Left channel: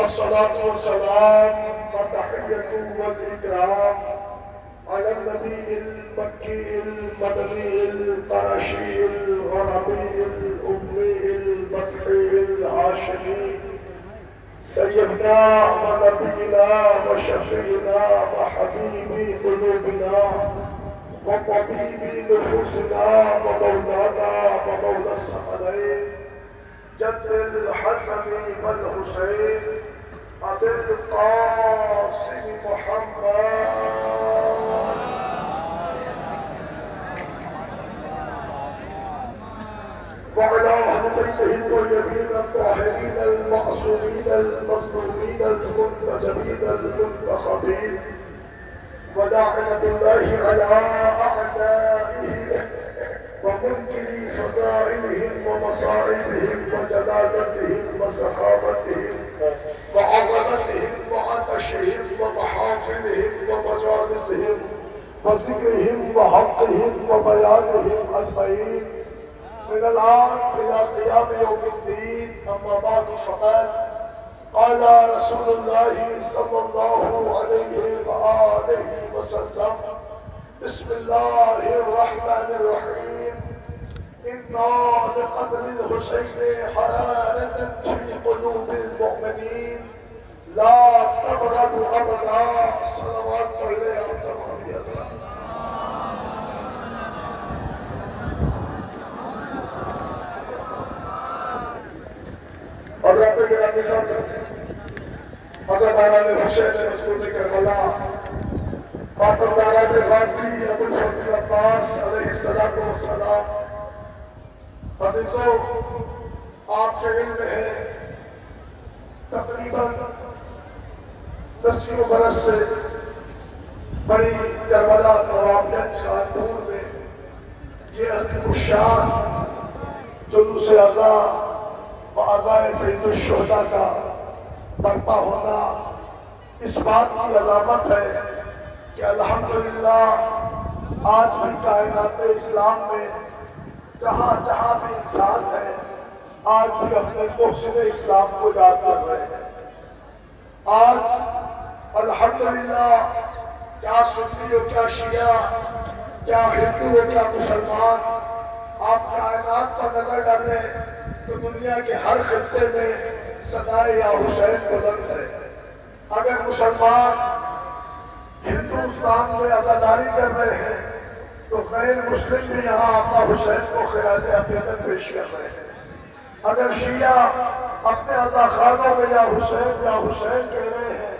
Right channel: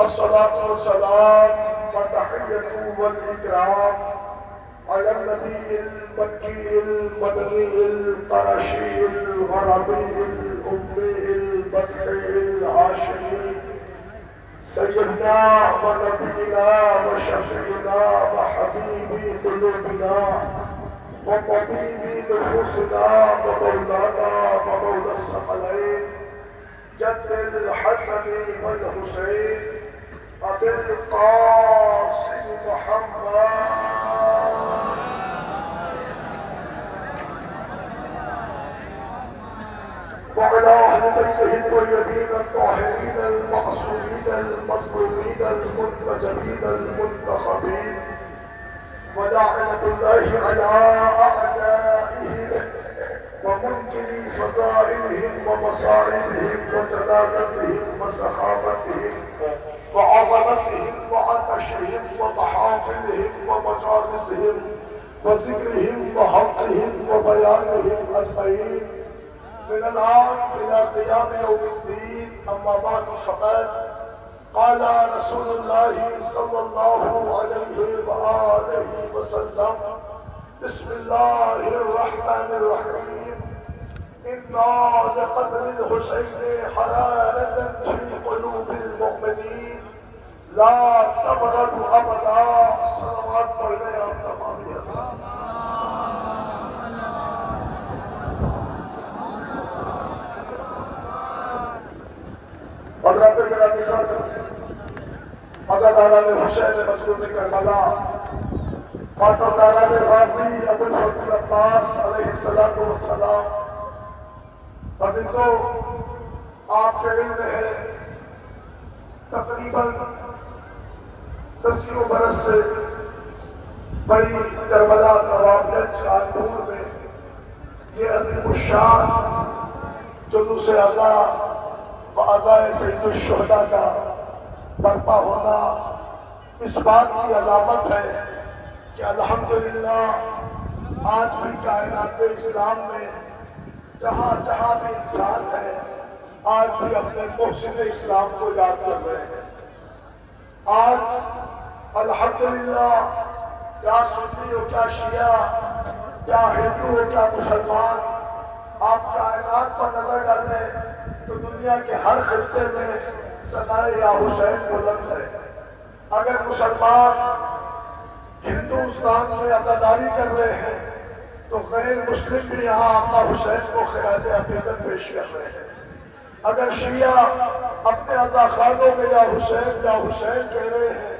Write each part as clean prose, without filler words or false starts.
الصلاة والسلام والتحية والإكرام على النبي المكي المدني القرشي الغربي الأمي البطحي الهاشمي سيدنا ونبينا وشفينا وحبيب قلوبنا وطبيب نفوسنا ومولانا ومولى الثقلين جد الحسن والحسين أبي القاسم محمد وعلى أهل بيته الطيبين الطاهرين المعصومين المظلومين المنتجبين المنتخبين ولعنة الله على أعدائه ومنكر فضائلهم ومصائبهم وجلالتهم وسخاوتهم وعظمتهم وعطشهم ومحافلهم ومجالسهم وذكرهم وحقهم وبيانهم أجمعين من الآن إلى قيام يوم الدين. أما بعد فقد قال رسول الله صلى الله عليه وآله وسلم بسم الله الرحمن الرحيم إنا لقتل الحسين حرارة في قلوب المؤمنين لا تبرد أبدا. صلوات عليه تمام. حضرت گرامی حضرت علامہ حسین مسعود کربلا ماترداران غازی ابوالفضل عباس علیہ السلام. عزیزو، آپ کے علم ہے تقریباً 10 برس سے بڑی کربلا نوابگنج کانپور میں یہ عظیم الشان جلوس اعزا وعزائے سید الشہداء کا برپا ہونا اس بات کی علامت ہے کہ الحمدللہ آج بھی کائنات اسلام میں جہاں جہاں بھی انسان ہے آج بھی اپنے محسن اسلام کو یاد کر رہے ہیں. آج الحمدللہ کیا سنی ہو کیا شیعہ کیا ہندو ہو کیا مسلمان، آپ کائنات پر نظر ڈالیں تو دنیا کے ہر خطے میں صدائے یا حسین بلند ہے. اگر مسلمان ہندوستان میں عزاداری کر رہے ہیں تو غیر مسلم بھی یہاں آقا حسین کو خراج عقیدت پیش کر رہے ہیں. اگر شیعہ اپنے عزاخانوں میں یا حسین کہہ رہے ہیں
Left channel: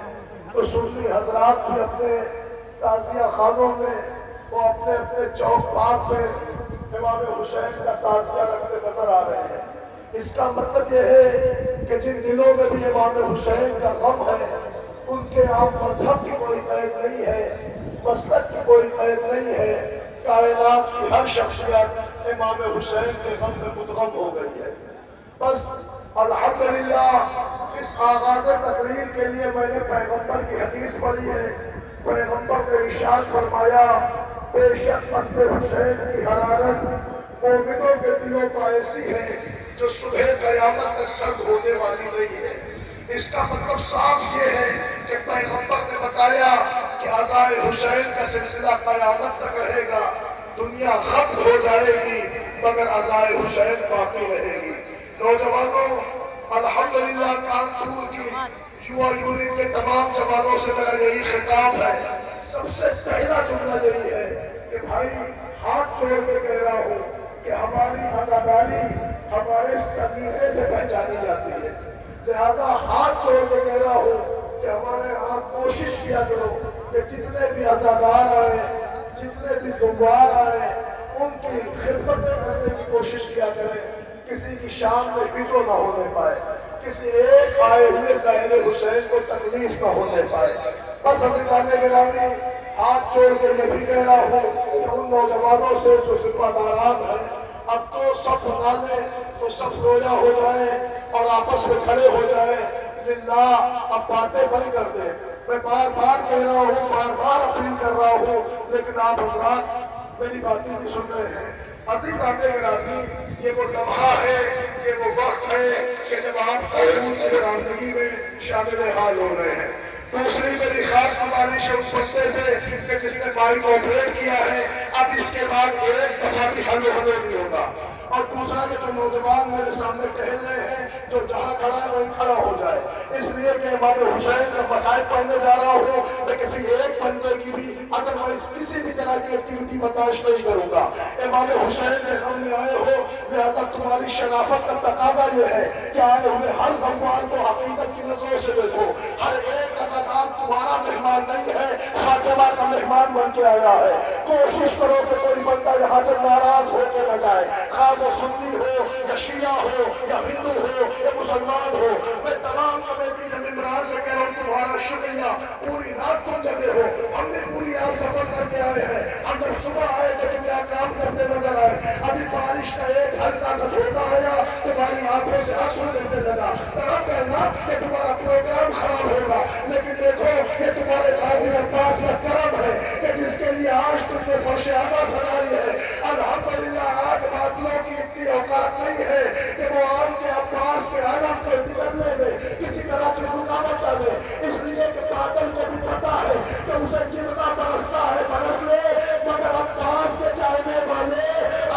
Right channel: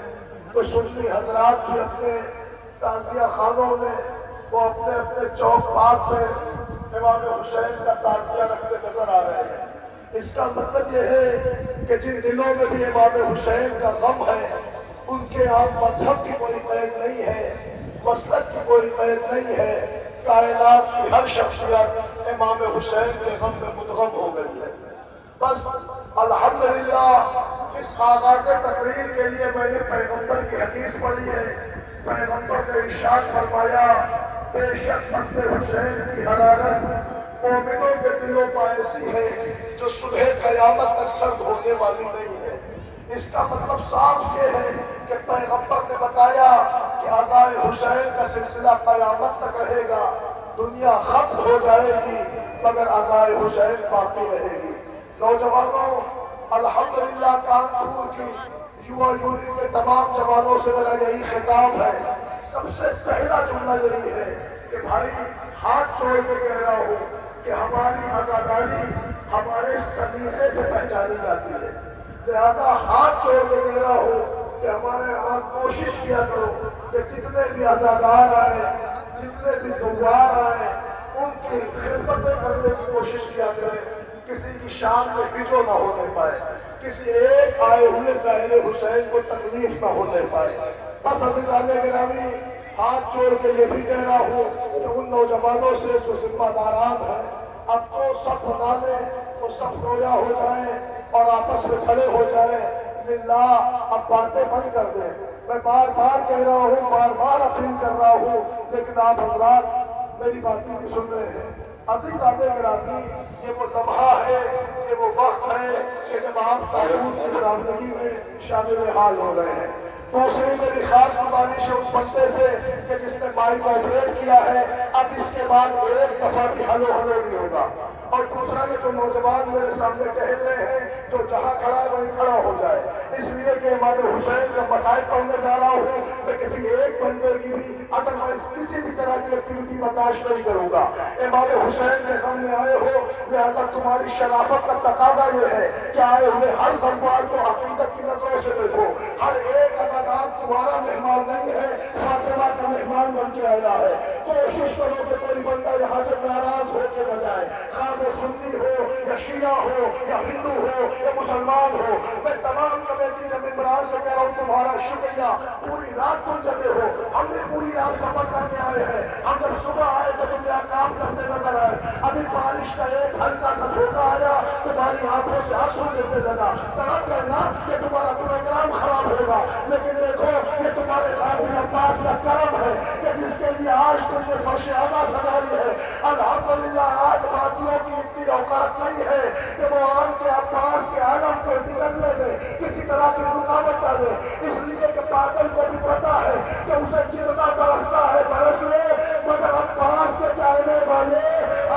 تو سنی حضرات بھی اپنے تعزیہ خانوں میں وہ اپنے چوک پاک میں امام حسین کا تعزیہ رکھتے نظر آ رہے ہیں. اس کا مطلب یہ ہے کہ جن دلوں میں بھی امام حسین کا غم ہے ان کے آپ مذہب کی کوئی قید نہیں ہے، مسلک کی کوئی قید نہیں ہے. کائنات کی ہر شخصیت امام حسین کے غم میں مدغم ہو گئی ہے. بس الحمدللہ اس آغاز تقریر کے لیے میں نے پیغمبر کی حدیث پڑھی ہے. پیغمبر نے ارشاد فرمایا بے شک مقت حسین کی حرارت مومنوں کے دلوں کا ایسی ہے جو صبح قیامت تک سرد ہونے والی نہیں ہے. اس کا مطلب صاف یہ ہے کہ پیغمبر نے بتایا کہ عزائے حسین کا سلسلہ قیامت تک رہے گا. دنیا ختم ہو جائے گی مگر عزائے حسین باقی رہے گی. نوجوانوں، الحمدللہ کانپور کی یووا یونٹ کے تمام جوانوں سے میرا یہی خطاب ہے. سب سے پہلا جملہ یہی ہے کہ بھائی ہاتھ چھوڑ کے کہہ رہا ہوں کہ ہماری عزاداری ہمارے سلیقے سے پہچانی جاتی ہے. لہذا ہاتھ چھوڑ کے کہہ رہا ہوں کہ ہمارے ہاں کوشش کیا کرو کہ جتنے بھی عزادار آئیں، جتنے بھی زوار آئیں، ان کی خدمتیں کرنے کی کوشش کیا کریں. کسی کی شان میں بچو نہ ہونے پائے، کسی ایک آئے ہوئے زائر حسین کو تکلیف نہ ہونے پائے. بس حضرات گرامی، ہاتھ جوڑ کے یہ بھی کہہ رہا ہوں کہ ان نوجوانوں سے جو ذمہ داران ہیں اب تو صف بنا لیں، تو صف رویا ہو جائیں اور آپس میں کھڑے ہو جائیں. للہ اب باتیں بند کر دیں. میں بار بار کہہ رہا ہوں، بار بار اپیل کر رہا ہوں، لیکن آپ حضرات میری باتیں بھی سن رہے ہیں. عزیزان گرامی، یہ وہ لمحہ ہے، یہ وہ وقت ہے کہ جب آپ قانون کی رامدگی میں شامل حال ہو رہے ہیں۔ دوسری میری خاص گزارش ہے اس بندے سے کہ جس نے مائک کو آپریٹ کیا ہے، اب اس کے بعد ایک دفعہ بھی ہلو نہیں ہوگا۔ اور دوسرا کہ جو نوجوان میرے سامنے ٹہل رہے ہیں، جو جہاں کھڑا ہے وہیں کھڑا ہو جائے، اس لیے کہ امام حسین کا مسائل پڑھنے جا رہا ہوں، میں کسی ایک بندے کی بھی ادروائز کسی بھی طرح کی ایکٹیویٹی برداشت نہیں کروں گا۔ امام حسین کے غم میں آئے ہو، لہذا تمہاری شرافت کا تقاضا یہ ہے کہ آئے ہوئے ہر زموار کو عقیدت کی نظروں سے دیکھو۔ ہر ایک عزادار تمہارا مہمان نہیں ہے، فاطمہ کا مہمان بن کے آیا ہے۔ کوشش کرو کہ کوئی بندہ یہاں سے ناراض ہو کے نہ جائے، خواہ وہ سنی ہو یا شیعہ ہو یا ہندو ہو یا مسلمان ہو۔ میں تمام کمیٹی کے ممبران سے کہہ رہا ہوں تمہارا شکریہ، پوری رات تم جگے ہو، ہم بھی پوری رات سفر کر کے آئے ہیں۔ ہم جب صبح آئے تو تم میرا کام کرتے نظر آئے، ابھی بارش کا ایک ہلکا سا جھونکا آیا، تمہاری آنکھوں سے آنسو گرنے لگا، طرح کہنا کہ تمہارا پروگرام خراب ہوگا، لیکن دیکھو یہ تمہارے غازی عباس کا کرم ہے کہ جس کے لیے آج تم نے فرش اعلیٰ سجائی ہے۔ الحمدللہ آج بادلوں کی اتنی اوقات نہیں ہے کہ وہ آن کے عباس کے عالم کو بگڑنے میں کسی طرح کی رکاوٹ ڈالے، اس لیے کہ بادل کو بھی پتا ہے کہ اسے جتنا برستا ہے برس لے، مگر عباس کے چاہنے والے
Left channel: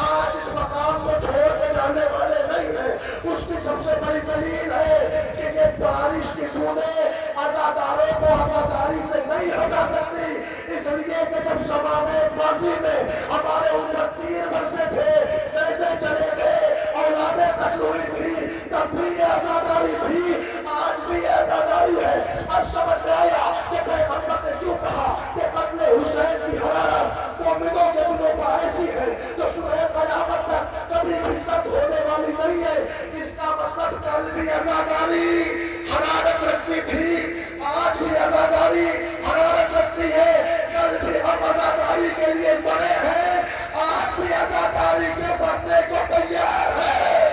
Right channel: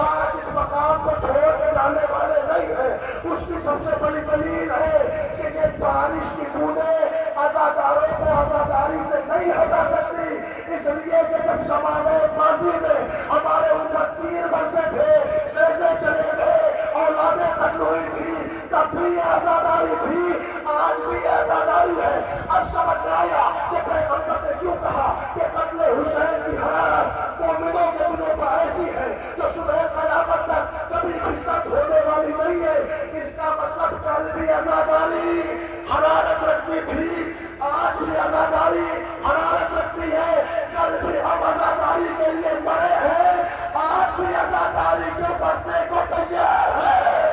آج اس مقام کو چھوڑ کے جانے والے نہیں ہیں۔ اس کی سب سے بڑی دلیل ہے کہ یہ بارش کی بوندیں عزاداروں کو عزاداری سے نہیں ہٹا سکتی، اس لیے کہ جب زمانے ماضی میں ہمارے اوپر تیر برسے تھے، نیزے چلے گئے، اولادیں قتل ہوئی تھی، تب بھی یہ عزاداری تھی، آج بھی یہ عزاداری ہے۔ اب سمجھ میں آیا کہ پیغمبر نے کیوں کہا کہ قتل حسین کی حرارت مومنوں کے دلوں پر ایسی ہے جو صبح قیامت تک کبھی بھی سرد ہونے والی نہیں ہے۔ اس کا مطلب کل بھی عزاداری حرارت رکھتی تھی، آج بھی عزاداری حرارت رکھتی ہے، کل بھی ہم عزاداری کے لیے مرے ہیں، آج بھی عزاداری کے مرنے کو تیار ہے۔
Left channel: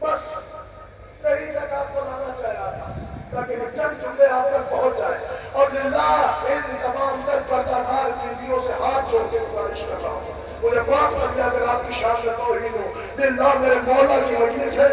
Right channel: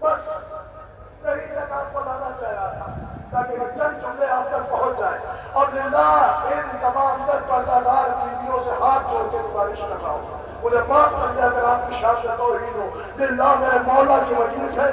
بس یہی تک آپ کو لانا چاہ رہا تھا تاکہ یہ چند جملے آپ تک پہنچ جائے۔ اور للہ ان تمام تر پردہ دار بیویوں سے ہاتھ جوڑ کے گزارش کر رہا ہوں، مجھے معاف کر دیا اگر آپ کی شان میں توہین ہو، للہ میرے مولا کی مجلس ہے،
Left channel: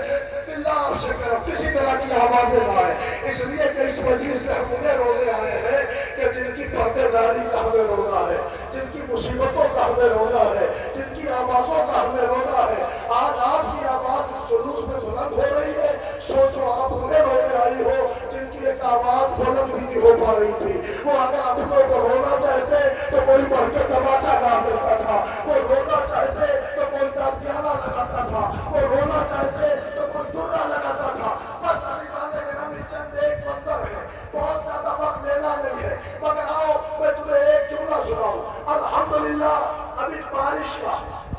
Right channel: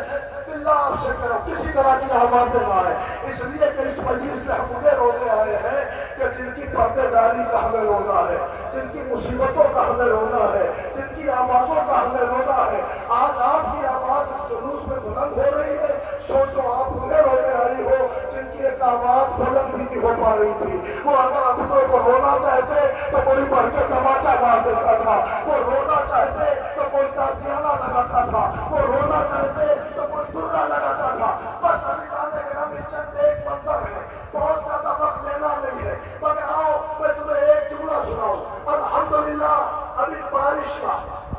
للہ آپ سے کرو کسی طرح کی آوازیں نہ آئے، اس لیے کہ اس مجلس میں ہم انہیں رونے آئے ہیں کہ جن کی پردے داری کا ہمیں رونا ہے، جن کی مصیبتوں کا ہمیں رونا ہے، جن کی آوازوں کا ہمیں رونا ہے۔ آج آپ کی آواز اس جلوس میں بلند ہو رہی ہے، سوچو آپ انہیں رونے آئی ہو جن کی ایک آواز بلند بھی نہیں ہو پا رہی تھی۔ وہ اگر اپنوں کو رونا چاہتے تو کوئی بڑھ کے تماچا مار دیتا تھا، وہ رونا چاہتے تو کوئی تازیانہ لگاتا تھا، وہ رونا چاہتے تو کوئی درہ لگاتا تھا۔ بس عزیزان گرامی چند ایک منظر ہے، بہت زیادہ وقت لینا نہیں ہے، مگر آؤ میں تمہیں ایک جملہ سناؤں۔ الحمدللہ ابھی بارش کا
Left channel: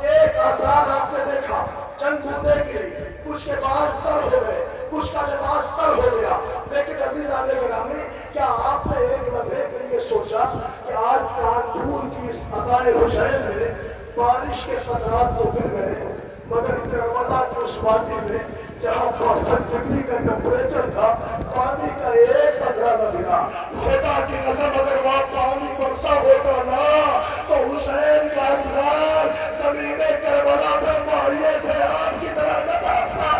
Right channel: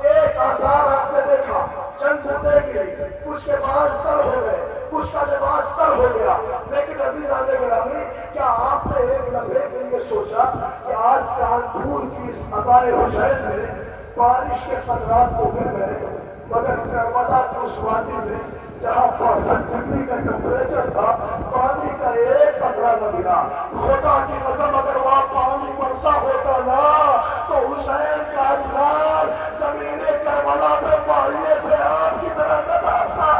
ایک آثار آپ نے دیکھا، چند بوندیں گری، کچھ کے بال تر ہو گئے، کچھ کا لباس تر ہو گیا، لیکن عزیزان گرامی کیا آپ نے ایک لمحے کے لیے سوچا کہ آج کانپور کی اس عزائے حسین میں بارش کے قطرات تو گر گئے، مگر کربلا کی اس وادی میں جہاں 62 ڈگری کا ٹمپریچر تھا، پانی کا ایک قطرہ نہ گرا۔ خدا کی قسم اگر وہاں پانی برسا ہوتا نا تو حسین کا اسرار زمین کربلا پہ ماہیے تھے آپ کی طرح دباتا۔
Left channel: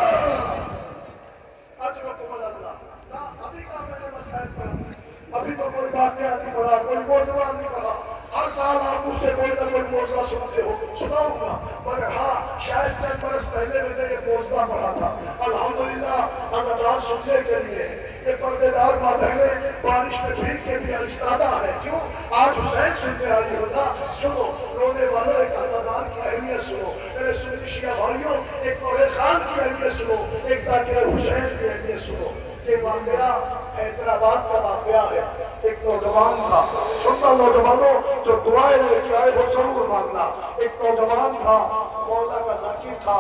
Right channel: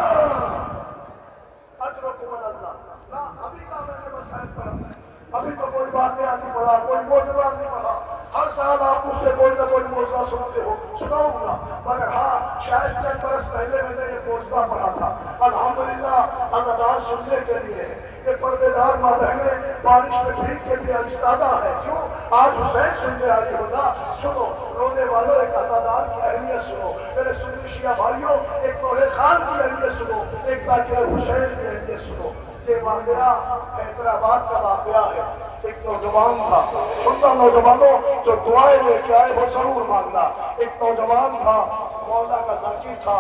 اجرکم اللہ نہ ابھی کا میں نے مسائل پڑھا، ابھی تو کوئی واقعہ نہیں پڑھا، کوئی موضوع نہیں پڑھا۔ ہر سال آپ مجھ سے کوئی نہ کوئی موضوع سنتے ہو، سناؤں گا، مگر ہاں شاید چند برس پہلے میں نے یہ موضوع پڑھا تھا۔ الحمدللہ عزادار سننے کے لیے یہ پردے دار ماں بہنیں بارش میں بھیگ کے بھی آئستادہ ہے، کیوں؟ آج حسین سننے آئی ہو نا، سنو رونے والوں ایک عزادار کی اہمیت سنو، میرے سنی شیعہ بھائیوں ایک طویل خان کی اہمیت سنو، ایک ذاکر حسین کی اہمیت سنو۔ یہ واقعہ حیدرآباد کا واقعہ ہے۔ ایک نوجوان تھا، سننا نوجوانوں جو دعائیں لے کے آئے ہو ضرور ماننا۔ ایک نوجوان تھا، مولا کا ذاکر تھا،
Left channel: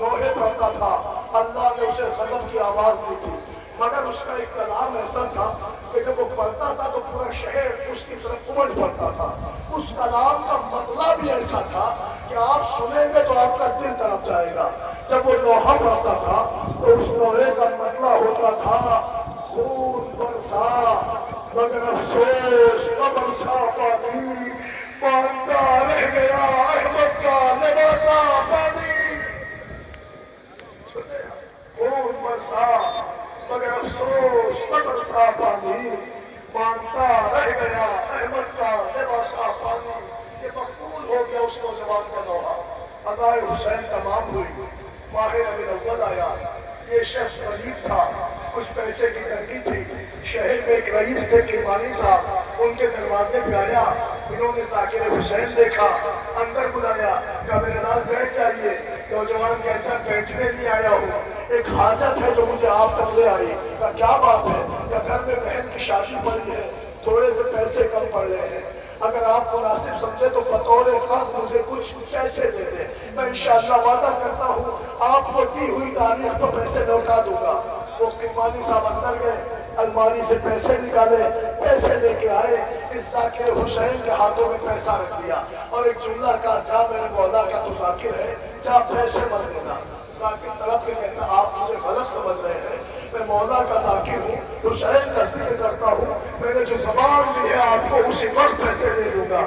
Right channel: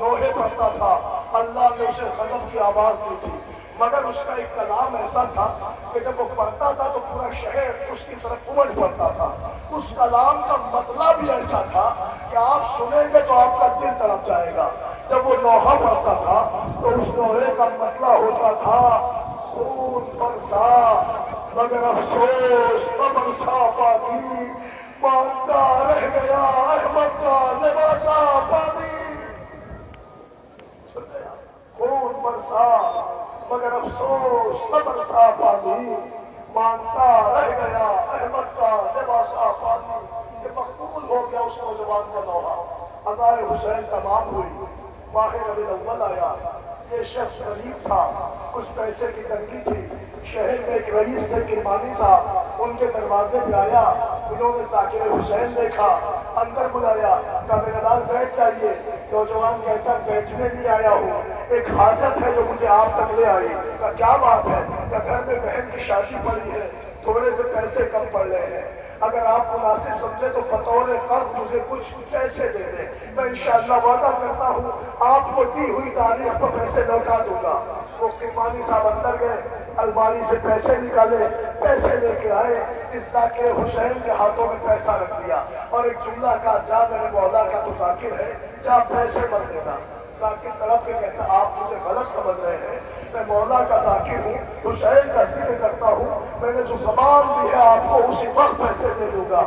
لوہے پڑھتا تھا، اللہ نے اسے غضب کی آواز دی تھی، مگر اس کا ایک کلام ایسا تھا کہ جب وہ پڑھتا تھا تو پورا شہر اس کی طرف امڑ پڑتا تھا۔ اس کلام کا مطلب بھی ایسا تھا کہ آپ سنیں گے تو آپ کا دل تڑپ جائے گا۔ جب وہ لوحہ پڑھتا تھا تو اس لوحے کا مطلب ہوتا تھا خون برسا مگر افسوس نہ برسا پانی، مانگتا رہ گیا احمد کا لباسا پانی، خون برسا مگر افسوس نہ برسا پانی، مانگتا رہ گیا احمد کا لباسا پانی۔ یہ مقبول ہو گیا اس نوجوان کا دورہ، عزائے حسین تمام ہوئی، ماہ ربیع الاول آیا۔ یہ شخص غریب تھا، کچھ پیسے کی تنگی تھی، شہر میں ایک رئیس تھے کرمانی صاحب، ان کے دروازے پہ آیا، انہوں نے ذاکر حسین دیکھا، اندر بلایا، کہا میرے لال بیٹھ جائیے۔ نوجوان کہتا بیٹھنے نہیں آیا ہوں، ایک حاجت ہے جو مجھے آپ تک لے آئی۔ کہا کیا بات ہے؟ کہا گھر میں بہن کی شادی پڑی ہے، تھوڑے سے پیسے کم پڑ رہے ہیں، اگر آپ مناسب سمجھے تو بطور قرض مجھے کچھ پیسے دے دیں، میں انشاءاللہ وعدہ کرتا ہوں آپ کو دی ہوئی تاریخ پر پیسے لوٹا دوں گا۔ وہ کرمانی صاحب اندر گئے، الماری سے پیسے نکالے، پیسے لے کے آئے، اس ذاکر حسین کے ہاتھوں میں پیسہ رکھ دیا اور ایک جملہ کہا جا میرے مولا کا تو ذاکر ہے، جا پیسے مت دینا۔ ذاکر طرف کے کہتا آپ مجھے غلط سمجھ رہے ہیں، میں مولا کا ذاکر ہوں، حسین کا ذکر کرتا ہوں، میں نے جو زبان دی ہے آپ کو اسی وقت پیسے دے دوں گا۔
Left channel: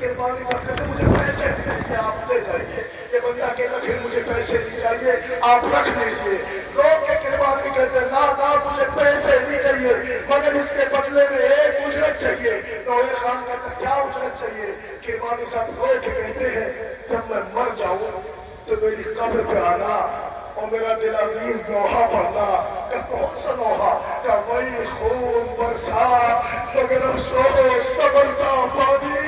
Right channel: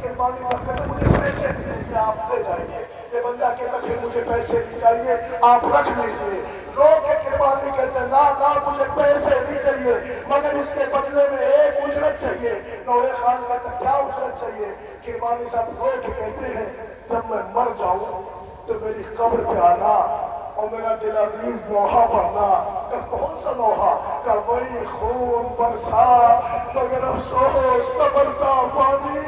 کرمانی صاحب کہتے مجھے پیسے چاہیے، آپ لے جائیے۔ یہ بندہ کہتا پھر مجھے پیسے نہیں چاہیے، آپ رکھ لیجیے۔ لوگ کے کرمانی کہتے ہیں نا مجھے پیسے نہیں چاہیے مگر اس کے بدلے میں ایک اجرت چاہیے۔ نوح خان کہتا کیا اجرت چاہیے؟ کرمانی صاحب رو کے کہتے ہیں جب میں مر جاؤں تو میری قبر پہ آنا اور میرا دل عزیز نوحہ پڑھنا۔ کہ کون سا نوحہ؟ کہ وہی خون برسا مگر افسوس نہ برسا پانی،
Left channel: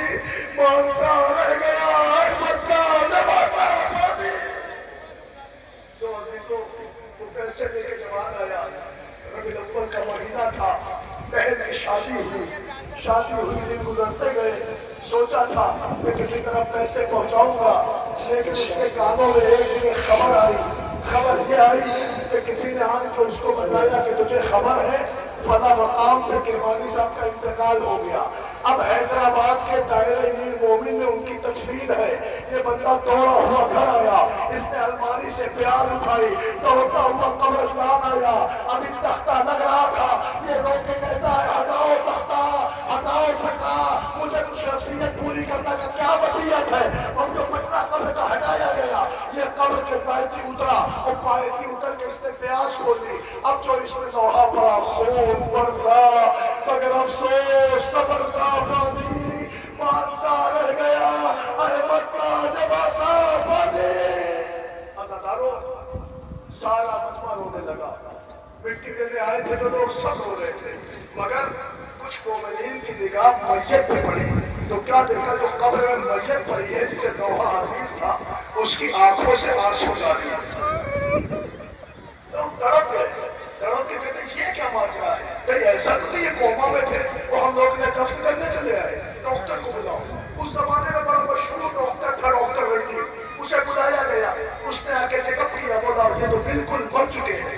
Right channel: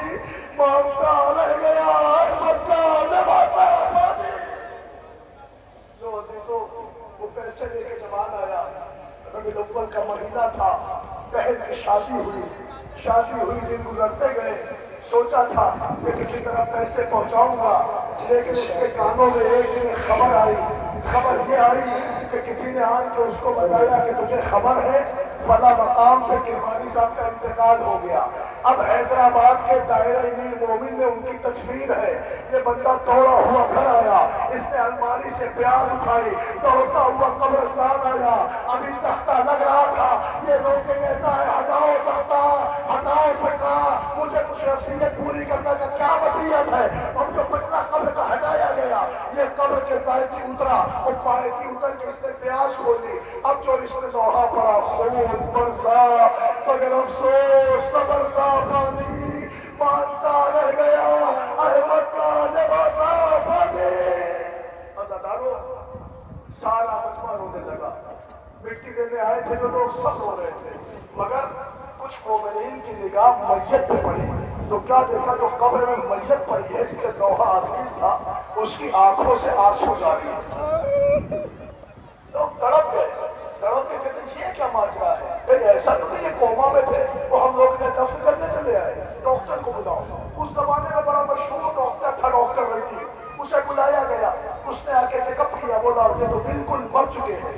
مانگتا رہ گیا احمد کا لباسا پانی۔ جو عزیزوں وہ پیسے لے کے جوان آیا، ربیع الاول کا مہینہ تھا، بہن کی شادی ہوئی، دن گزرتے گئے، سوچا تھا کہ کسی طرح پیسے پہنچاؤں گا، لیکن اس کے کانوں میں ایک دن خبر آئی، خبر یہ آئی کہ کسی نے آن کے اس کو بتایا کہ تجھے خبر ہے فلاں مقام پہ کرمانی صاحب کا انتقال ہو گیا۔ اب حیدرآباد کے دائرہ امیر مومن میں ان کی تجوید ہے، یہ بندہ دوڑا ہوا گھر آیا، اس نے الماری سے پیاز اٹھائی، دوڑتا ہوا قبرستان آیا، ابھی تختہ لگ رہا تھا، یہ رو کے کہتا ہے ہٹاؤ تختہ، ہٹاؤ پٹا، مجھے کچھ وصیت پوری کرنے کا کیا وصیت ہے؟ اب جو پٹا قبر کا ہٹایا گیا، یہ قبر کے پائے اترا اور پائے کی اتر کے اس نے پیاس کھولی، اب جو اس نے دوہا پڑا خون برسا مگر افسوس نہ برسا پانی، مانگتا رہ گیا احمد کا لباسا پانی۔ عزادارو سارا مجمع رونے لگا، مٹی دینے آئے تھے تو لوگ سب رو رہے تھے، مگر کچھ مومنین کی نگاہ میت پہ پڑی تو کیا دیکھا؟ جو قبر میں میت پڑی ہے جسے نوحہ عزیز تھا، اس کی آنکھوں سے آنسو جاری۔ لوگ تڑپ کے کہتے یہ کیا ماجرا ہے؟ بھئی ایسا تو نہیں یہ کوما میں تھے، وہ ہم لوگ انہیں دفن کرنے چلے آئے، ڈاکٹر کو بلاؤ۔ اس زمانے میں بڑا مشہور ڈاکٹر تھا ڈاکٹر ریڈی، اسے بلایا گیا، اس نے آ کے چیک اپ کیا، بولا یہ تو بالکل مر چکے ہیں،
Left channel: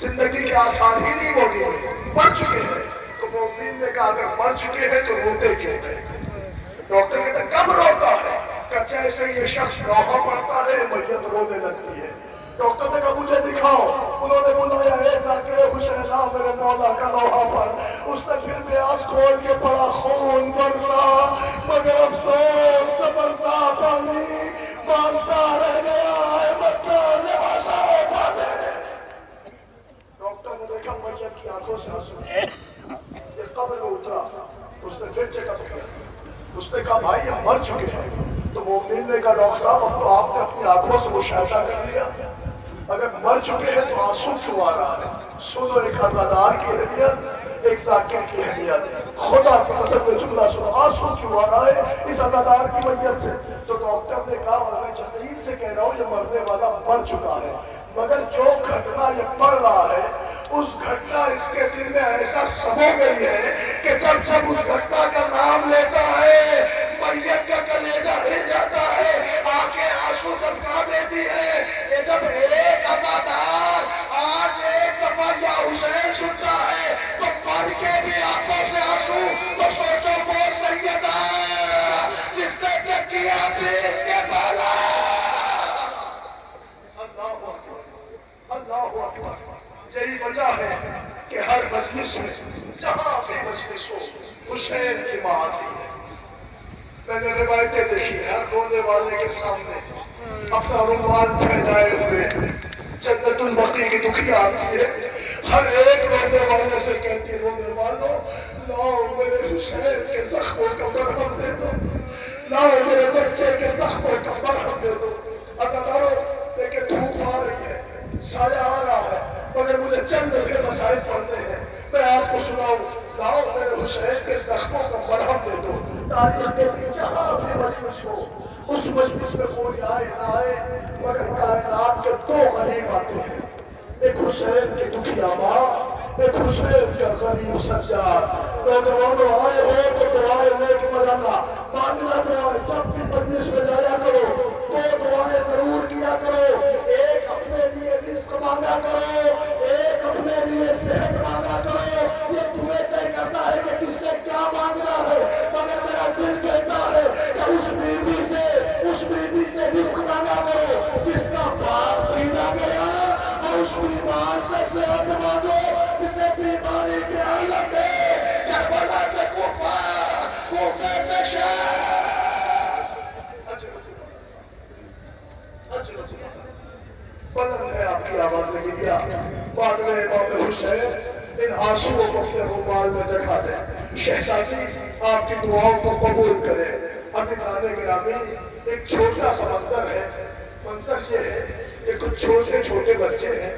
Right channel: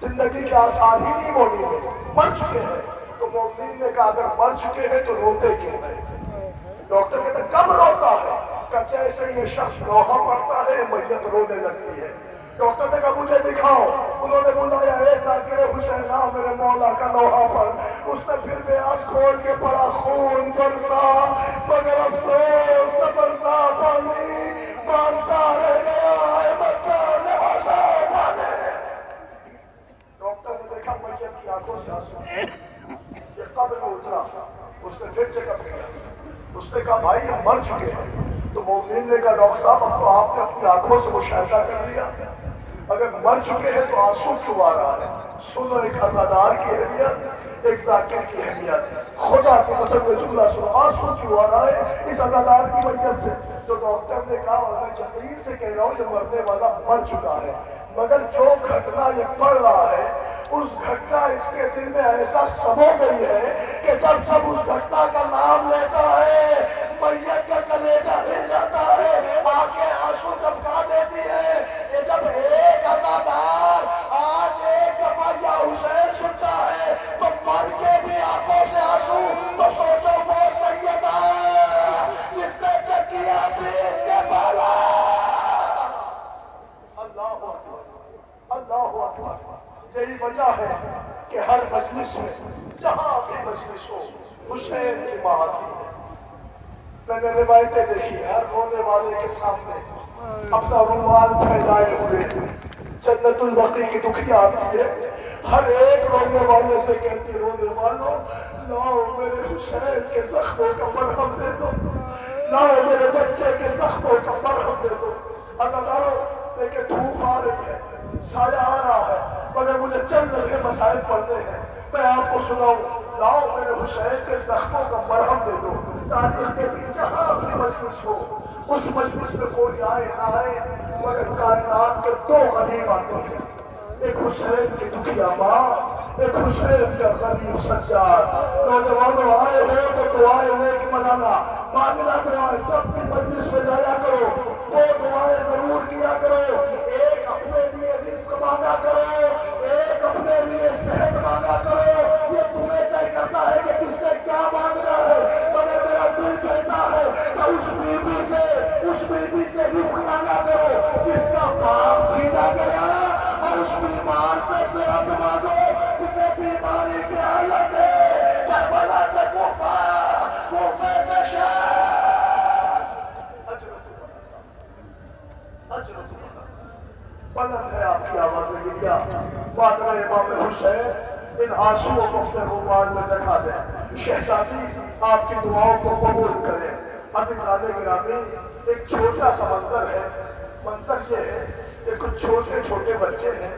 زندگی کے آثار ہی نہیں موجود ہیں، مر چکے ہیں۔ تو مومنین نے کہا اگر مر چکے ہیں تو روتے کیوں ہیں؟ ڈاکٹر کہتا کب روتا ہے؟ کہ جیسے یہ شخص لوحہ پڑھتا ہے میت رونے لگتی ہے۔ ڈاکٹر نے کہا مجھے دکھاؤ، انہوں نے بلایا اے ذاکر حسین آ میرے مولا کا لوحہ پر، اس نے پھر پیاس کھول کے پڑا خون برسا مگر افسوس نہ برسا پانی، مانگتا رہ گیا احمد کا لباسا پانی۔ ڈاکٹر نے دیکھا میت کی آنکھوں سے آنسو، یہ قبر میں اترا، اس نے پھر چیک اپ کیا، اس نے کہا بھائی یہ مر چکے ہیں۔ تو مومنین نے کہا ڈاکٹر صاحب اب تو آپ نے اپنی آنکھوں سے مشاہدہ کر لیا، اگر مر چکے ہیں تو آنسو کیوں آ رہا ہے؟ سنو ایک عزادار کی اہمیت، ایک ذاکر کی اہمیت، خدا کی قسم میں جملہ سنو، آنسو کیوں آ رہا ہے؟ اس عزادار کی وجہ سے۔ تو ڈاکٹر نے کہا اور میں یقین سے کہہ رہا ہوں یہ مرنے والا مر چکا ہے، مگر جو گھٹنا یہ پڑھ رہا ہے اس گھٹنا اس کے دل میں ایسا سمو گئی ہے کہ جب جب اس گھٹنا کا نام لیتا ہے میت کا کلیجہ ہل جاتا ہے، آنکھیں آنسو ٹپکا دیتی ہے۔ یہ جب ایک عزادار آج ایک دفعہ یا حسین سنتا ہے تو مر کے بھی آنکھوں سے آنسو، تو سوچو وہ سیدہ جس نے چکیا بھی اس کے بالا۔ اللہ اکبر، اللہ اکبر۔ یہی وجہ ہے کہ ہر مجلس میں جہاں بھی مجلس ہو حسین کی بات ہے۔ میں نے روایتیں دیکھی ہر رونے والے کے سامنے اپنا رومال پھیلائے ہوئے جنت البقیع کی دکھیا آتی ہے، ہر ایک رونے والے سے کہتی ہے رونے والوں لاؤ میرے حسین کے زخموں کا مرہم دے دو، لاؤ میرے بچے کے زخموں کا مرہم دے دو۔ ادا کرو لیکن دھوپ آ رہی ہے، سایہ آ رہا ہے، مگر مجھے چند لمحے مسائل پڑھنے ہیں، میں آپ کو سناؤں لاؤ میرے حسین کے زخموں کا مرہم دے دو۔ تاریخ کے دن جہاں بھی مجلس ہو اس مجلس میں کوئی آئے نہ آئے مگر کائنات کے دو غریب آتے ہیں، ایک حسین کی دکھیا ماں، ایک حسین کا غریب سجاد۔ نوجوانوں آئے ہو تو دعائیں لے کے ملانا، مانگنا دعائیں، جب بھی مجلس میں جایا کرو دو دعائیں ضرور کیا کرو، ایک اپنے لیے رزق مانگا کرو، ایک اپنے لیے صحت مانگا کرو۔ یہ تمہیں طے کرتا ہے کہ کس سے کیا مانگنا ہے، مگر میرا دل کہتا ہے کہ اس بیوی سے رزق مانگا کرو جس کا باپ چھینا گیا، اور اس بیمار سے صحت مانگو جسے بیماری کی حالت ہے کربلا سے کوفہ، کوفے سے شام۔ بلند ہے آپ کی آواز گیا پادر امام حسین، ان آنسوؤں کو اپنے رومال میں لگا دیں، شہزادی آپ کی دعاؤں کو قبول کرے۔ عزیزان گرامی، ایک چھوٹا سا منظر ہے، منظر یہ ہے کہ کچھ چھوٹے چھوٹے بچے ہیں،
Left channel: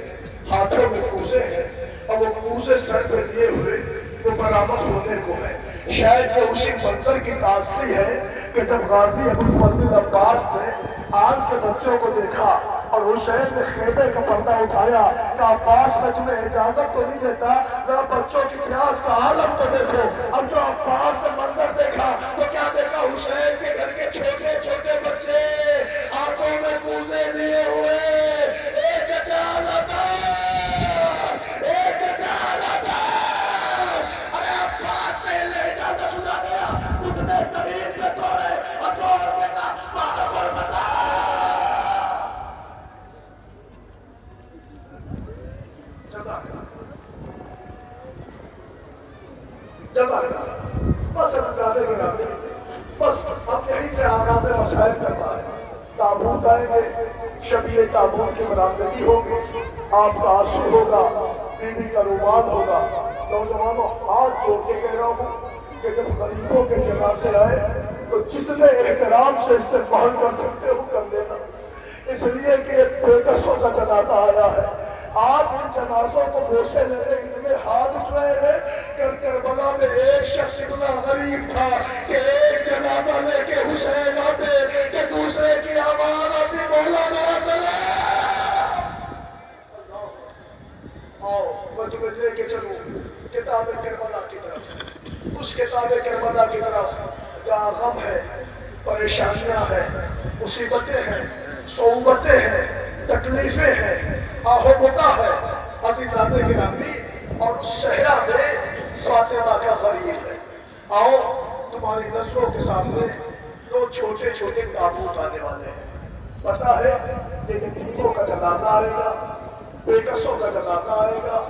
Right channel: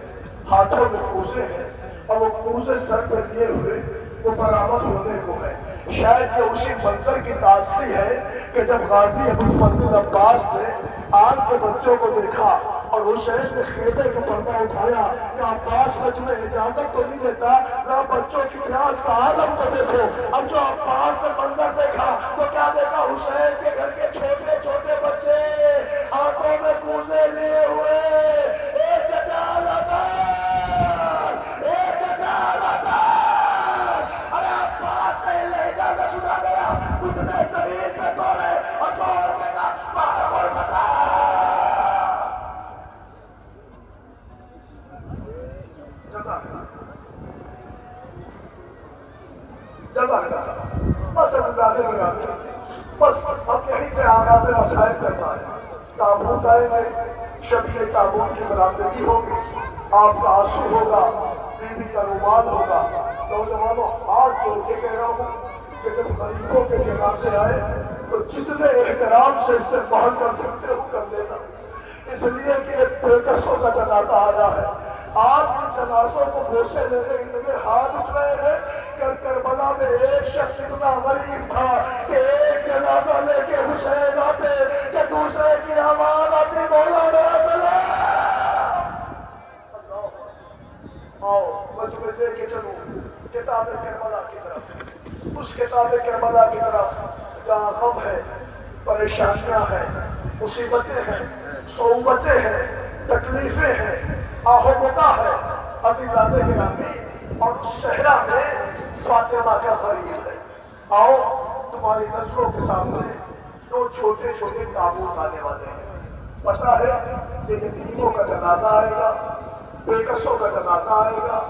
ہاتھوں میں کوزے ہیں اور وہ کوزے سر پہ لیے ہوئے وہ برآمد ہونے کو ہے۔ شاید یہ اسی منظر کی تاثیر ہے کہ جب غازی ابو فضل عباس نے آل کے بچوں کو دیکھا اور حسین نے خیمے کا پردہ اٹھایا کہ عباس میں تمہیں اجازت تو نہیں دیتا، ذرا بچوں کی پیاس کا عالم تو دیکھو۔ اب جو عباس نے منظر دیکھا تو کیا دیکھا؟ حسین کے گھر کے چھوٹے چھوٹے بچے ہاتھوں میں کوزے لیے ہوئے، اے چچا لبار، اے چچا لبار۔ ارے عباس سے یہ لہجہ نہ سنا گیا، اتنے زمین پہ توڑے اور توڑنے کا بار بتا۔ بس زیادہ گرامی، بس ہم یہیں سے آغاز مسائل کرتا ہے۔ تابوت آئیں گے، شبیہ تابوت کی برآمدگی ہوگی، آپ کا آنسو ہوگا، بیوی کا رومال ہوگا۔ نوجوانوں ہاتھ جوڑ کے کہہ رہا ہوں کہ جب غریبوں کے جنازے آئے تو جتنے احترام سے استقبال کر سکتے ہو کر لینا، اس لیے کہ ایک بےکسوں کا جنازہ آیا ہے۔ آپ ان جنازوں کو بوسے لینے کے لیے ہاتھ اٹھ رہے ہیں کہ کربلا میں ایک شخص اتنا غریب تھا کہ ایک جنازہ لے کے حسین آتے کہ دوسرے کی آواز اپنے مولا میرا سلام۔ آؤ میں تمہیں لے کے چلوں کتاب کربلا کی طرف، اس کتاب کربلا کی طرف جہاں غم ہے، پریشانیاں ہیں، مصیبتیں ہیں، صعوبتیں ہیں، تکلیفیں ہیں، آہ و بکا ہے۔ عزیزان گرامی، اور اس صحرا میں فاطمہ کا غریب ہے۔ آؤ تمہاری نظروں کے سامنے دو چھوٹے چھوٹے تابوت آنے والے ہیں۔ پتہ ہے کہ یتیموں کا جنازہ آئے گا، بےکسوں کا جنازہ آئے گا،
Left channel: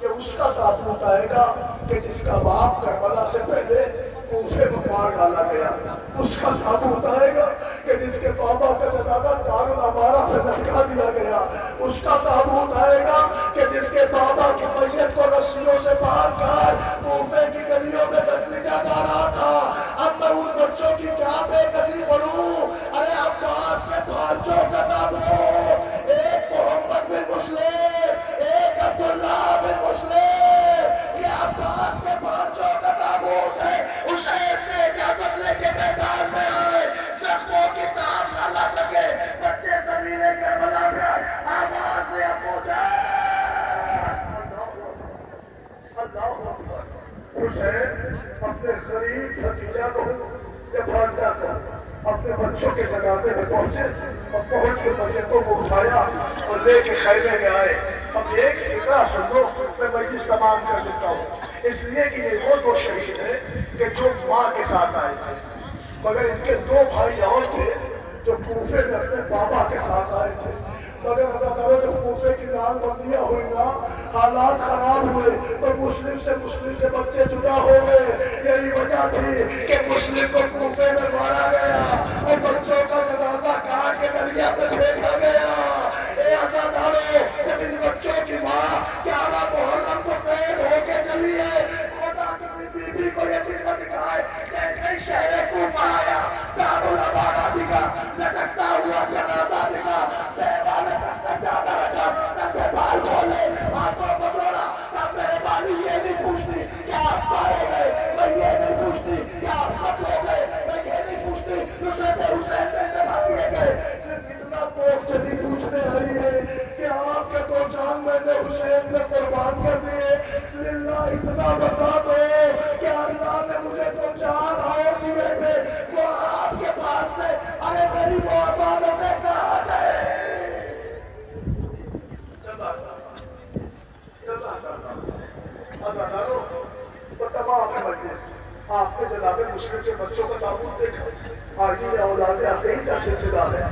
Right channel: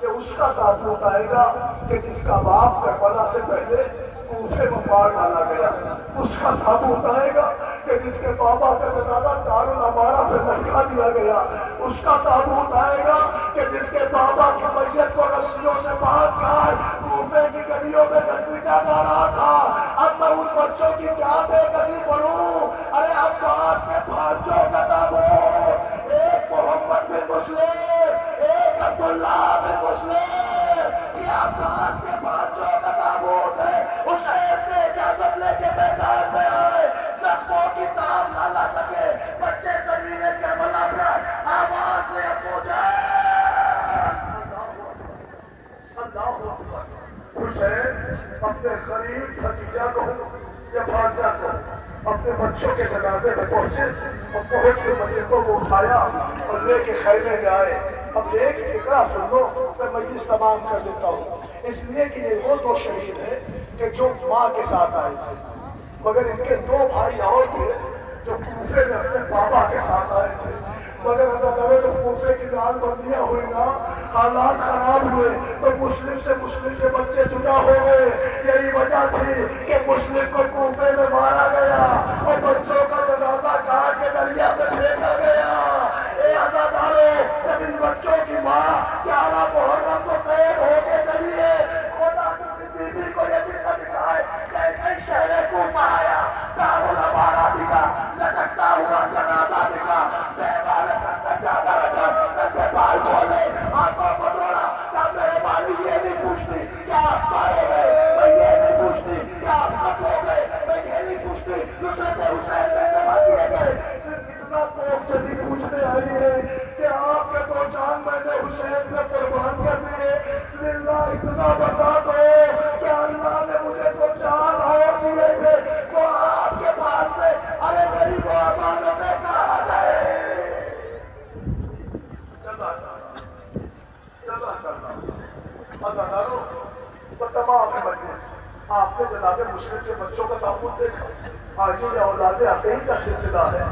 کہ اس کا تابوت آئے گا کہ جس کا باپ کربلا سے پہلے کوفے میں مار ڈالا گیا، اس کا تابوت آئے گا کہ جس کے بابا کا جنازہ دارالامارہ پہ لٹکا دیا گیا، اس کا تابوت آئے گا کہ جس کے بابا کی میت کو رسیوں سے باندھ کر کوفے کی گلیوں میں گھسیٹا جا رہا تھا۔ اب میں ان بچوں کی کیا بے کسی پڑھوں؟ ارے عباس کے بھانجوں کا تابوت، ایک محمد بن مسلم، ایک عبداللہ بن مسلم، یہ عباس کے بھانجوں کا تابوت ہے۔ حسین سے اجازت لے کے میدان میں آئے، زخموں کی تاب نہ لا سکے، بچے زمین کربلا پر آواز دے ابو جان۔ اللہ اکبر۔ حسین اپنے غریب بھتیجا کو یا بھانجا کو اپنے بچوں کے جنازے میں پہنچے اور پہنچ کے بچے کو اٹھایا اور لے کے خیمے میں آئے۔ اب ایک فکرہ سن لو، میں مجلس تمام کر دیتا ہوں، اس لیے کہ یہ وہ دو شہید ہیں کہ جو ماں کے ساتھ آئے تھے، مگر ان کے دو بھائی اور تھے جو کوفے میں اپنے بابا کے ساتھ آئے تھے، مگر اللہ تعالیٰ جب کوفے کی لال بندیاں ہوئی نا، حالات خراب ہوئے تو مسلم سے مسلم کے بچے جدا ہو گئے. یہی وجہ تھی کہ مسلم کو کوفے میں مارا گیا اور بچوں کا جنازہ کاٹ کے دریا میں پھینکا گیا. اے عزادارو، جب ان بچوں کی ماں 11 محرم کو قید ہو کے چلی ہے، خدا کسی بیوی کو یہ دن نہ دکھائے کیسے شہر کوفہ آیا، دارالامانہ دکھا، لٹکتا ہوا جنازہ دکھا، بیوہ نے سر سجادہ رکھا، سر پہ بال کھولے، ہاتھوں کو جوڑا. تب میرے والی یہ نہیں پوچھتی کیا آپ مارے گئے، میں یہ نہیں پوچھتی کیا آپ قتل ہو گئے، میں یہ نہیں پوچھتی نصرت حسین میں سے بھر دیے گئے. صرف اتنا کوف چلی پوچھنے آئی ہے کہ آپ کے 2 جان میں نے حسین میں قربان کر دیے. للہ اتنا بتا دو کہ اللہ نے مجھے 2 جان اور دیے تھے، وہ آپ کے پاس سے ارے میری وہ امانتیں کہاں گئے. جزا کرنا عزادارو، وہ تمام مجلس آپ نے جناب مسلم کے بچوں کا تابوت دیکھا. آج یہ اولاد عقیل کا سلسلہ ہے.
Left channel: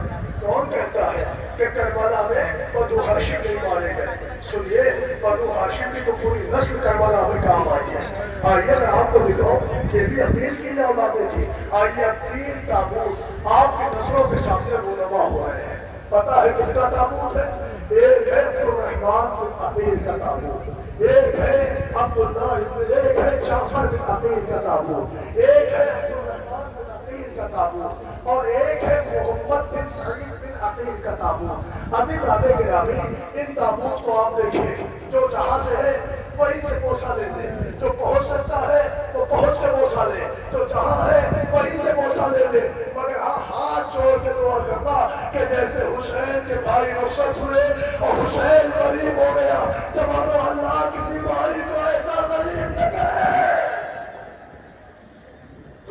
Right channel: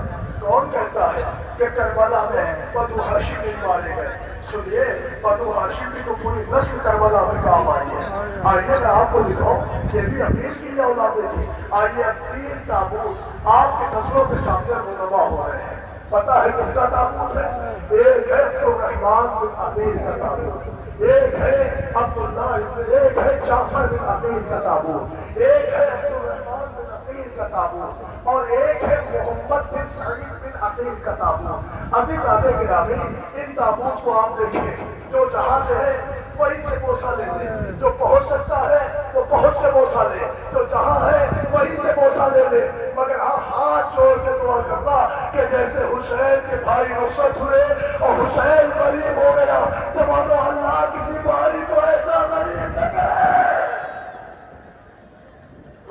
کون کہتا ہے کہ کربلا میں بنو ہاشم نہیں مارے گئے؟ سنیے، بنو ہاشم کی تو پوری نسل کربلا میں کام آئی ہے. آئیے میں آپ کو دکھاؤں، یہ بھی عقیل کی اولادیں تھی. آئیے 3 تابوت آپ کی نظروں کے سامنے رونما ہو رہے ہیں. پتہ ہے کس کا تابوت ہے؟ ایک ہے عبدالرحمن بن عقیل کا تابوت، ایک ہے ایک ہے جعفر بن عقیل کا تابوت، ایک ہے عبدالرحمن بن عقیل کا تابوت، اور ایک ہے محمد بن سعید بن عقیل کا تابوت. عزیزان گرامی، ان تابوت کو آپ دیکھیے، جو جہاں سے ہے وہیں سے بوسہ لے لے، جو پہنچ سکتا ہے وہ پہنچ سے بوسہ لے، جو جہاں ہے وہیں سے بوسہ لے لے. مگر ہاتھ جوڑ کے دعا کرتا کہ جیسے حسین کے بھائی رخصت ہوئے اور حسین غریب ہو گیا، زمانو اللہ کسی بھائی کو ایسا غریب نہ کرے.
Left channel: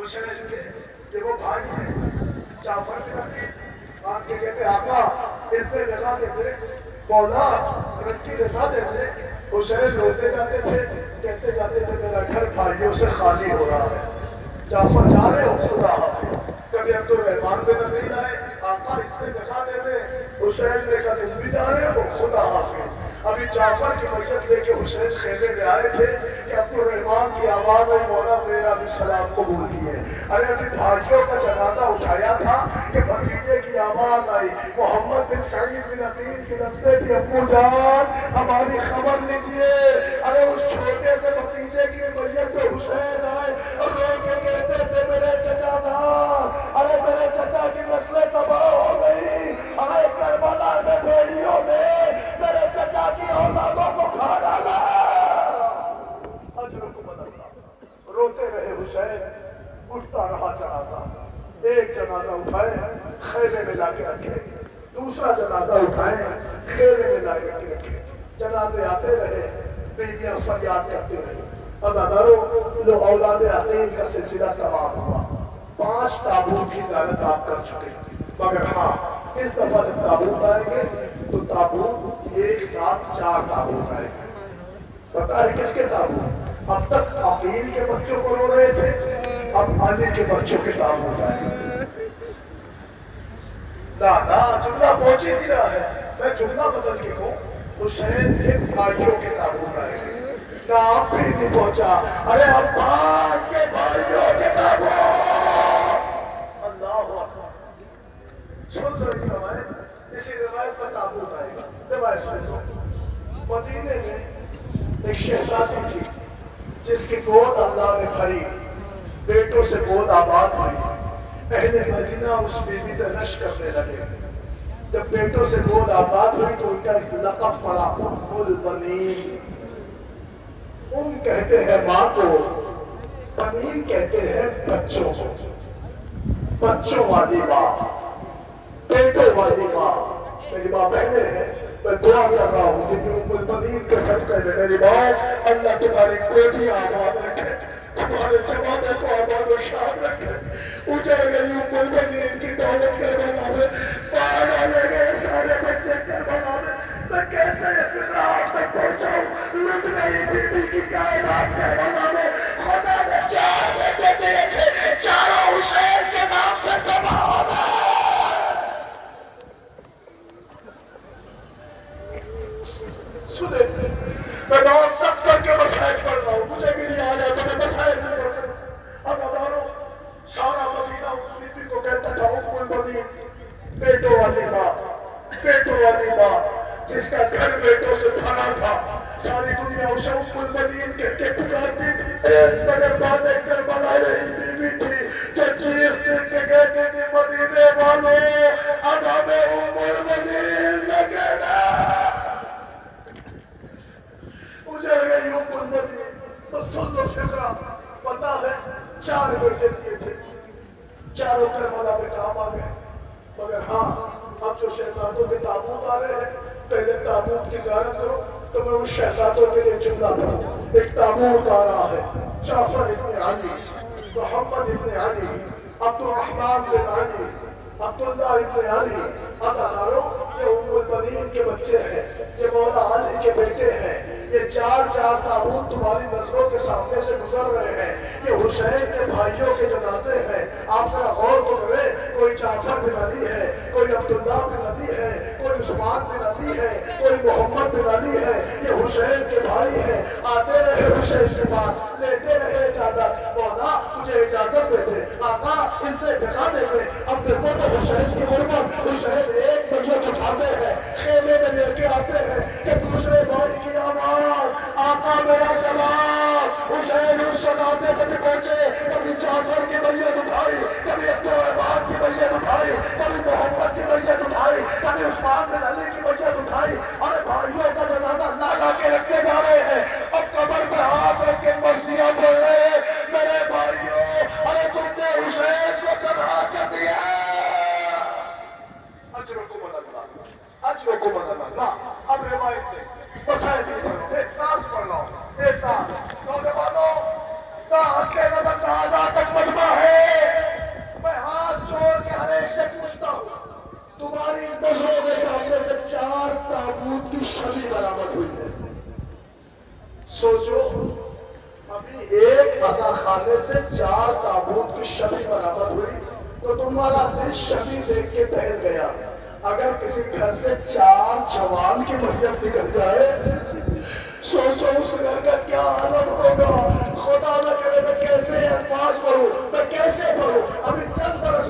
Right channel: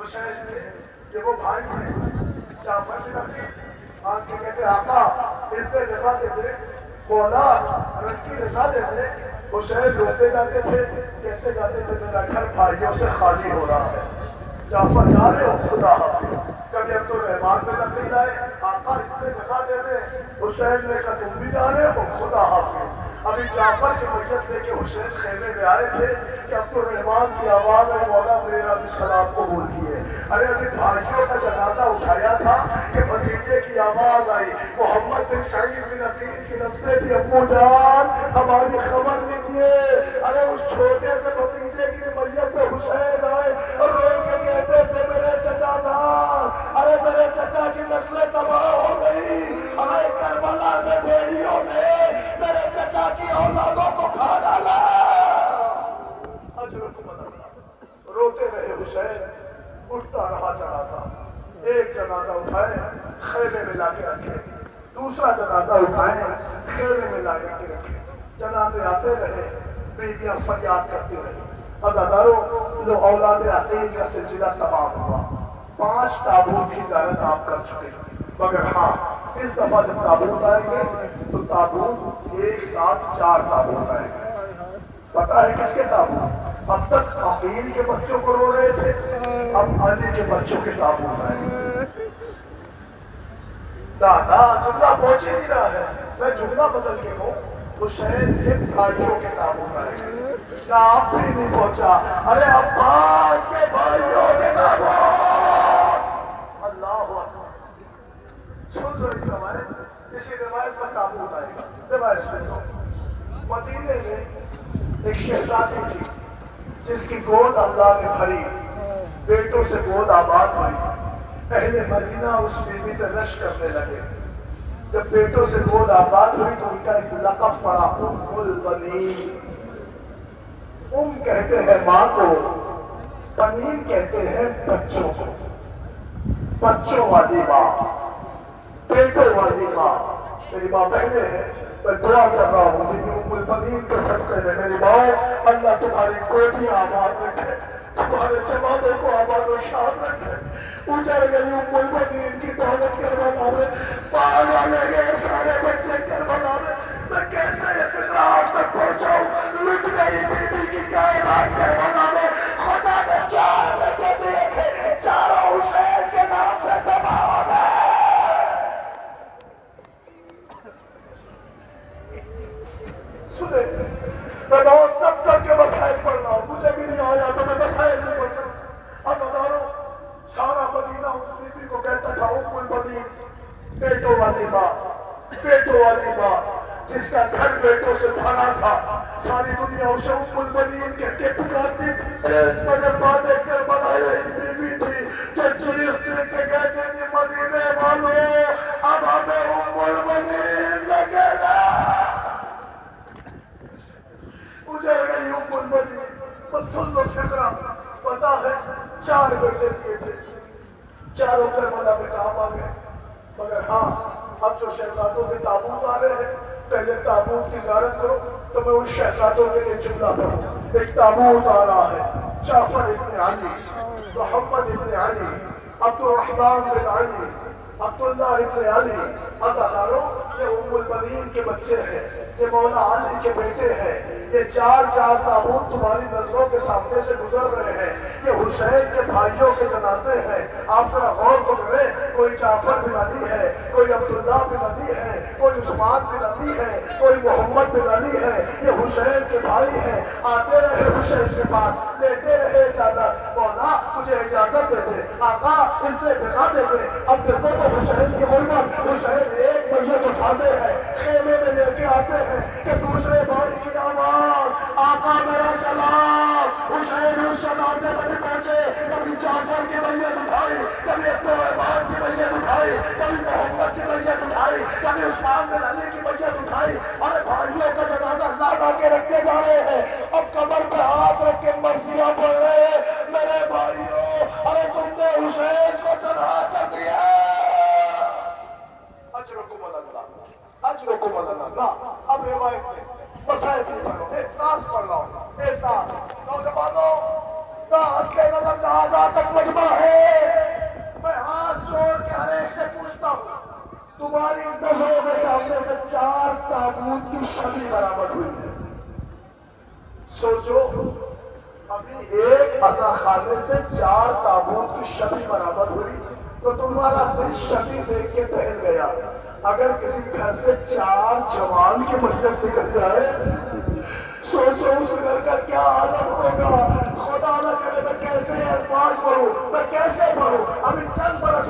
حسین کے یہ وہ بھائی ہیں جعفر بن عقیل. آپ کے کہتے آقا اس پہ رضا دیتے، مولا رب کی رضا دیتے. حسین روتے جاتے تھے، کہتے جاتے تھے میرا گھر بھائیوں سے خالی ہو رہا ہے. جعفر جا رہے ہو خدا حافظ. کبھی عبدالرحمن بن عقیل آئے، آقا اس پہ جگہ دے دے. حسین نے کہا تم بھی جا رہے ہو خدا حافظ. ابھی جعفر کی میت لے کے حسین خیمے میں آئے تھے کہ عبدالرحمن کی آواز آئی، مولا میرا بھی سلام قبول کیے. ارے ابھی بھائیوں کا جنازہ اٹھایا تھا کہ بھتیجے کی آواز آئی. محمد بن سعید بن عقیل کی لفظیں تھی، ابو جان ہماری خبر لیجیے. ارے اس چھوٹے سے بھتیجے کی میت پہ حسین آئے اور رو کے کہتے تھے میرے چچا جان، ارے میرے چچا کی نسلیں تباہ ہو گئی، ارے کربلا میں بھیڑیوں نے میرے چچا کی اولادوں کو کھا ڈالا. روتے رہے حسین، اٹھتا رہا جنازہ. ایک جنازہ اٹھائے خیمے میں لا کے رکھے، دوسرا جنازہ اٹھائے خیمے میں لا کے رکھے. جنازے آتے رہے، بیویاں فریاد کرتی رہی. عزادارو، جو اولاد عقیل کا سلسلہ تمام ہوا. 5 تابوت کی زیارت آپ کر چکے، مگر ہاں اس دفعہ جب تابوت آئیں گے تو تابوت ایک ساتھ 4 تابوت آئیں گے. پتا ہے کس کے تابوت؟ اب تک عقیل کے بچوں کو رو رہے تھے، اب علی کے بچوں کے تابوت آئیں گے. دادا جملہ پہنچ ہی نہیں رہا ہے، میں جملہ بدل کے ہوں. حسین کے بھائیوں کے تابوت آئیں گے. نہ آپ بھی نہیں پہنچا، ارے عباس کے بھائیوں کے تابوت. اللہ اکبر. سن لو اس روایت، اسی روایت پر تابوت آئے گا. روایت سن لو. مدینے میں ایک شہزادی تھی جس کی گود اللہ نے بھری، بیٹوں سے گود آباد ہوئی. اہل مدینہ اس بیوی پہ رش کرنے لگے. جب بیٹوں سے گود آباد ہوئی تو ان کا ایک لقب پڑا، ام البنین. ام کہتے ہیں ماں کو، بنین کہتے ہیں بچوں کو. بچوں والی ماں، بیٹوں والی ماں. میری ماں بہنیں ہیں، میں دعا کر رہا ہوں کہ ام البنین کے صدقے میں میری ماں اللہ تمہاری کوٹھی آباد رکھے، تمہارے جوانوں کو آباد و شاد رکھے. اجڑ گئی ام البنین کی دولت کربلا میں، مار ڈالے گئے سارے بچے کربلا میں. میں کیسے استقرار تک پہنچاؤں؟ لٹ گئی بی بی کی کائنات کربلا میں. خدا نے 4 بیٹے دیے تھے، چاروں حسین کے نام پہ ذبح ہو گئے. سنیں میں نماز سب کر کے مسائل پڑھ رہا ہوں، مجھے بھی نہیں آیا تو میں مسائل نہیں پڑھ سکتا۔ عزیزانو، سارا مدینہ اس بی بی کو کہتا تھا ام المؤمنین، بیٹوں والی ماں، بیٹوں والی ماں، جس کا گھر بیٹوں سے بھرا تھا، ساری دنیا اسے ام المؤمنین کہہ کے پکارتی تھی، مگر بعد کربلا یہی بی بی تھی جو چیخ چیخ کے کہتی تھی مدینے والوں اب ہمیں ام المؤمنین میں کہنا۔ مجھے گئی ام المؤمنین، بس سن لو فکرہ، پتا ہے 4 بیٹے دیے تھے، چاروں کربلا میں کام آ گئے، مگر ہاں اب جو شہزادوں کے تابوت آ رہے ہیں پہلے تابوت کی زیارت کرو، تو میں ان شہزادوں کے لیے جملہ پڑھوں۔ ایک تابوت آ رہا ہے، جعفر ابن علی، محمد ابن علی، عبد الرحمن بن علی، عبداللہ ابن علی، عزیزانو یہ ام المؤمنین کے بچے ہیں، یہ مولا علی کے بیٹے ہیں، یہ 4 تابوت تمہاری نظروں کے سامنے سے گزر رہے ہیں، یہ حسین کے بھائیوں کے جنازے ہیں۔ آپ ذرا غور تو کریں، کوئی جعفر بن علی ہے، کوئی عبداللہ بن علی ہے، کوئی عثمان بن علی ہے، کوئی محمد بن علی ہے، یہ حسین کے بھائی ہیں۔ آتے رہے حسین کے پاس، لیتے رہے اجازت، مولا تجھے اجازت دے دے، آقا اس سے دکھا دے دے۔ اب دیکھو تو حسین کی غربت، حسین ایک میت اٹھاتے ہیں، خیمے میں لے کے آتے ہیں کہ دوسرے بھائی کی آواز، آقا میرا سلام۔ حسین اس جنازے پہ بھی پہنچے، کبھی جعفر کی میت اٹھائی، کبھی عبدالرحمن کی میت اٹھائی، کبھی محمد کی میت اٹھائی، کبھی عثمان بن علی کی میت اٹھائی، اور بھائیوں کا جنازہ لا کے رکھتے جا رہے ہیں۔ اب قبر پہ ہاتھ رکھ کے مرثیہ پڑھ رہے ہیں، میرے بھائیوں ارے تم نے حسین کو تباہ کر دیا۔ اجرکم اللہ، اجرکم اللہ۔ اب روایت میں مسائل سے پڑھو، ایک سانس پڑھ رہا ہوں، ایک سانس۔ نوجوانوں کا حق نظر شہادہ تک مجمع ہے، میں ہاتھ چھوڑ کے ہر ایک سے پوچھتا ہوں، تمہاری نظروں کے سامنے سے 4 تابوت کی شبیہ برآمد ہوئی ہے، سوچو ابھی ایک عزا خانے سے 4 تابوت کی شبیہ برآمد ہوئی تو تمہارا دل شبیہ دیکھ کے دہل گیا۔ اگر کسی گھر سے 4 جوان کی میت نکل جائے، سوچو اس گھر کا کیا عالم ہوگا۔ خدا نہ کرے میں کیسے الفاظ پڑھوں، میں کیسے پڑھوں۔ ابھی چند برس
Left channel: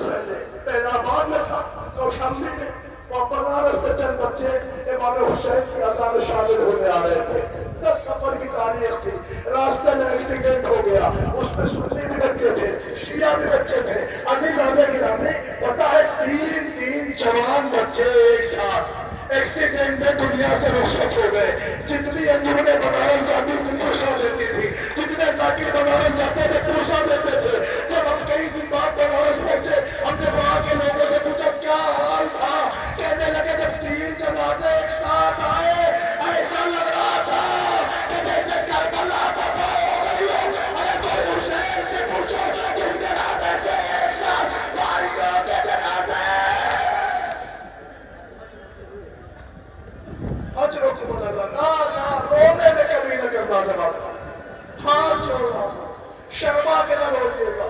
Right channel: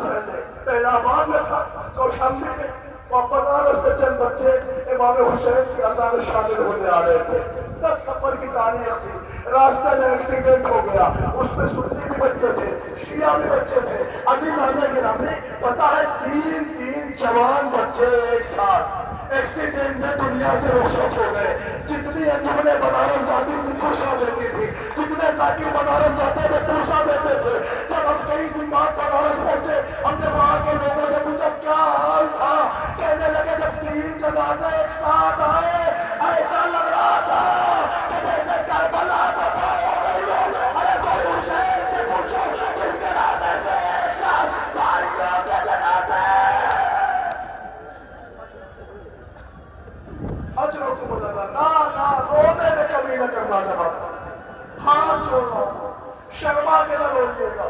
پہلے پہلا آباد میں تھا، کوشامبی میں، اور بنارس سے چند بچے امام حسین کی عزا میں شامل ہونے آ رہے تھے۔ 10 سفر کی تاریخ تھی، راستے میں ایکسیڈنٹ ہو گیا، اس میں سنی بھی بچے تھے، شیعہ بھی بچے تھے۔ عزیزان گرامی پتا ہے 3 جوان بچے ایک ساتھ ایکسیڈنٹ میں دنیا سے رخصت ہو گئے۔ جتنی انجمنیں بنارس جاتی تھی پوسا دیتی تھی، جتنے ذاکر بنارس جاتے تھے پوسا دیتے تھے۔ جب ہم کئی دن بعد بنارس پہنچے، ہم نے وہاں کے لوگوں سے پوچھا کیا حال تھا، کہنے لگے جب 3 جنازے ایک ساتھ آئے ایسا لگ رہا تھا کہ جیسے کربلا تباہ ہو گئی ہو۔ ارے کوئی حسین سے پوچھو جس کے راستے سے ایک ساتھ بھائیوں کے جنازے۔ اجرکم اللہ، نہ رونے میں کبھی نہ کرنا چاہتا، ہاتھ چھوڑنا، شرما کے نہ روئیے گا۔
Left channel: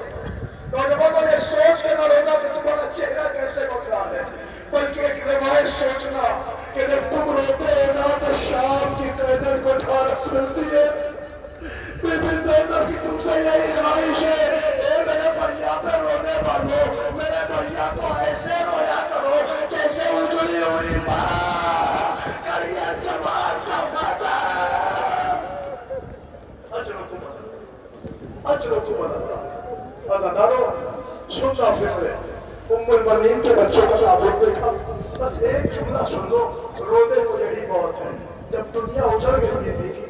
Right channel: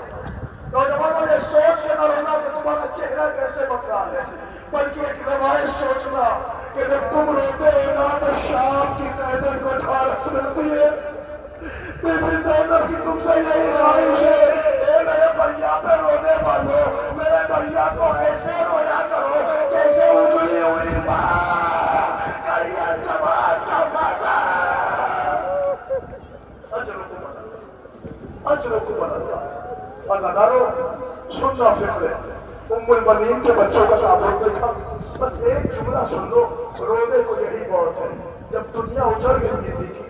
نوجوانوں یہ سوچ کے نہ رونا کہ تمہارا چہرہ کیسے بن رہا ہے، بلکہ ایک روایت سوچنا کہ جب تم روتے ہو نا تو شام کی قیدر کو ٹھارس ملتی ہے۔ بی بی زینب کی تم سے یہی خواہش ہے، اے میرے بھیا پہ رونے والوں، میرے بھیا کو ایسے رویا کرو جیسے اجڑی ہوئی بہار کریے جماعت کا کھاتا۔ اجرکم اللہ۔ عزیزانو سننا فکر ہے، ام المؤمنین کے بچوں کا تابوت دیکھا، بس ایک جملہ سن لو، رونے کو یہی بہت ہے۔ جب دنیا اجڑ گئی بیوی کی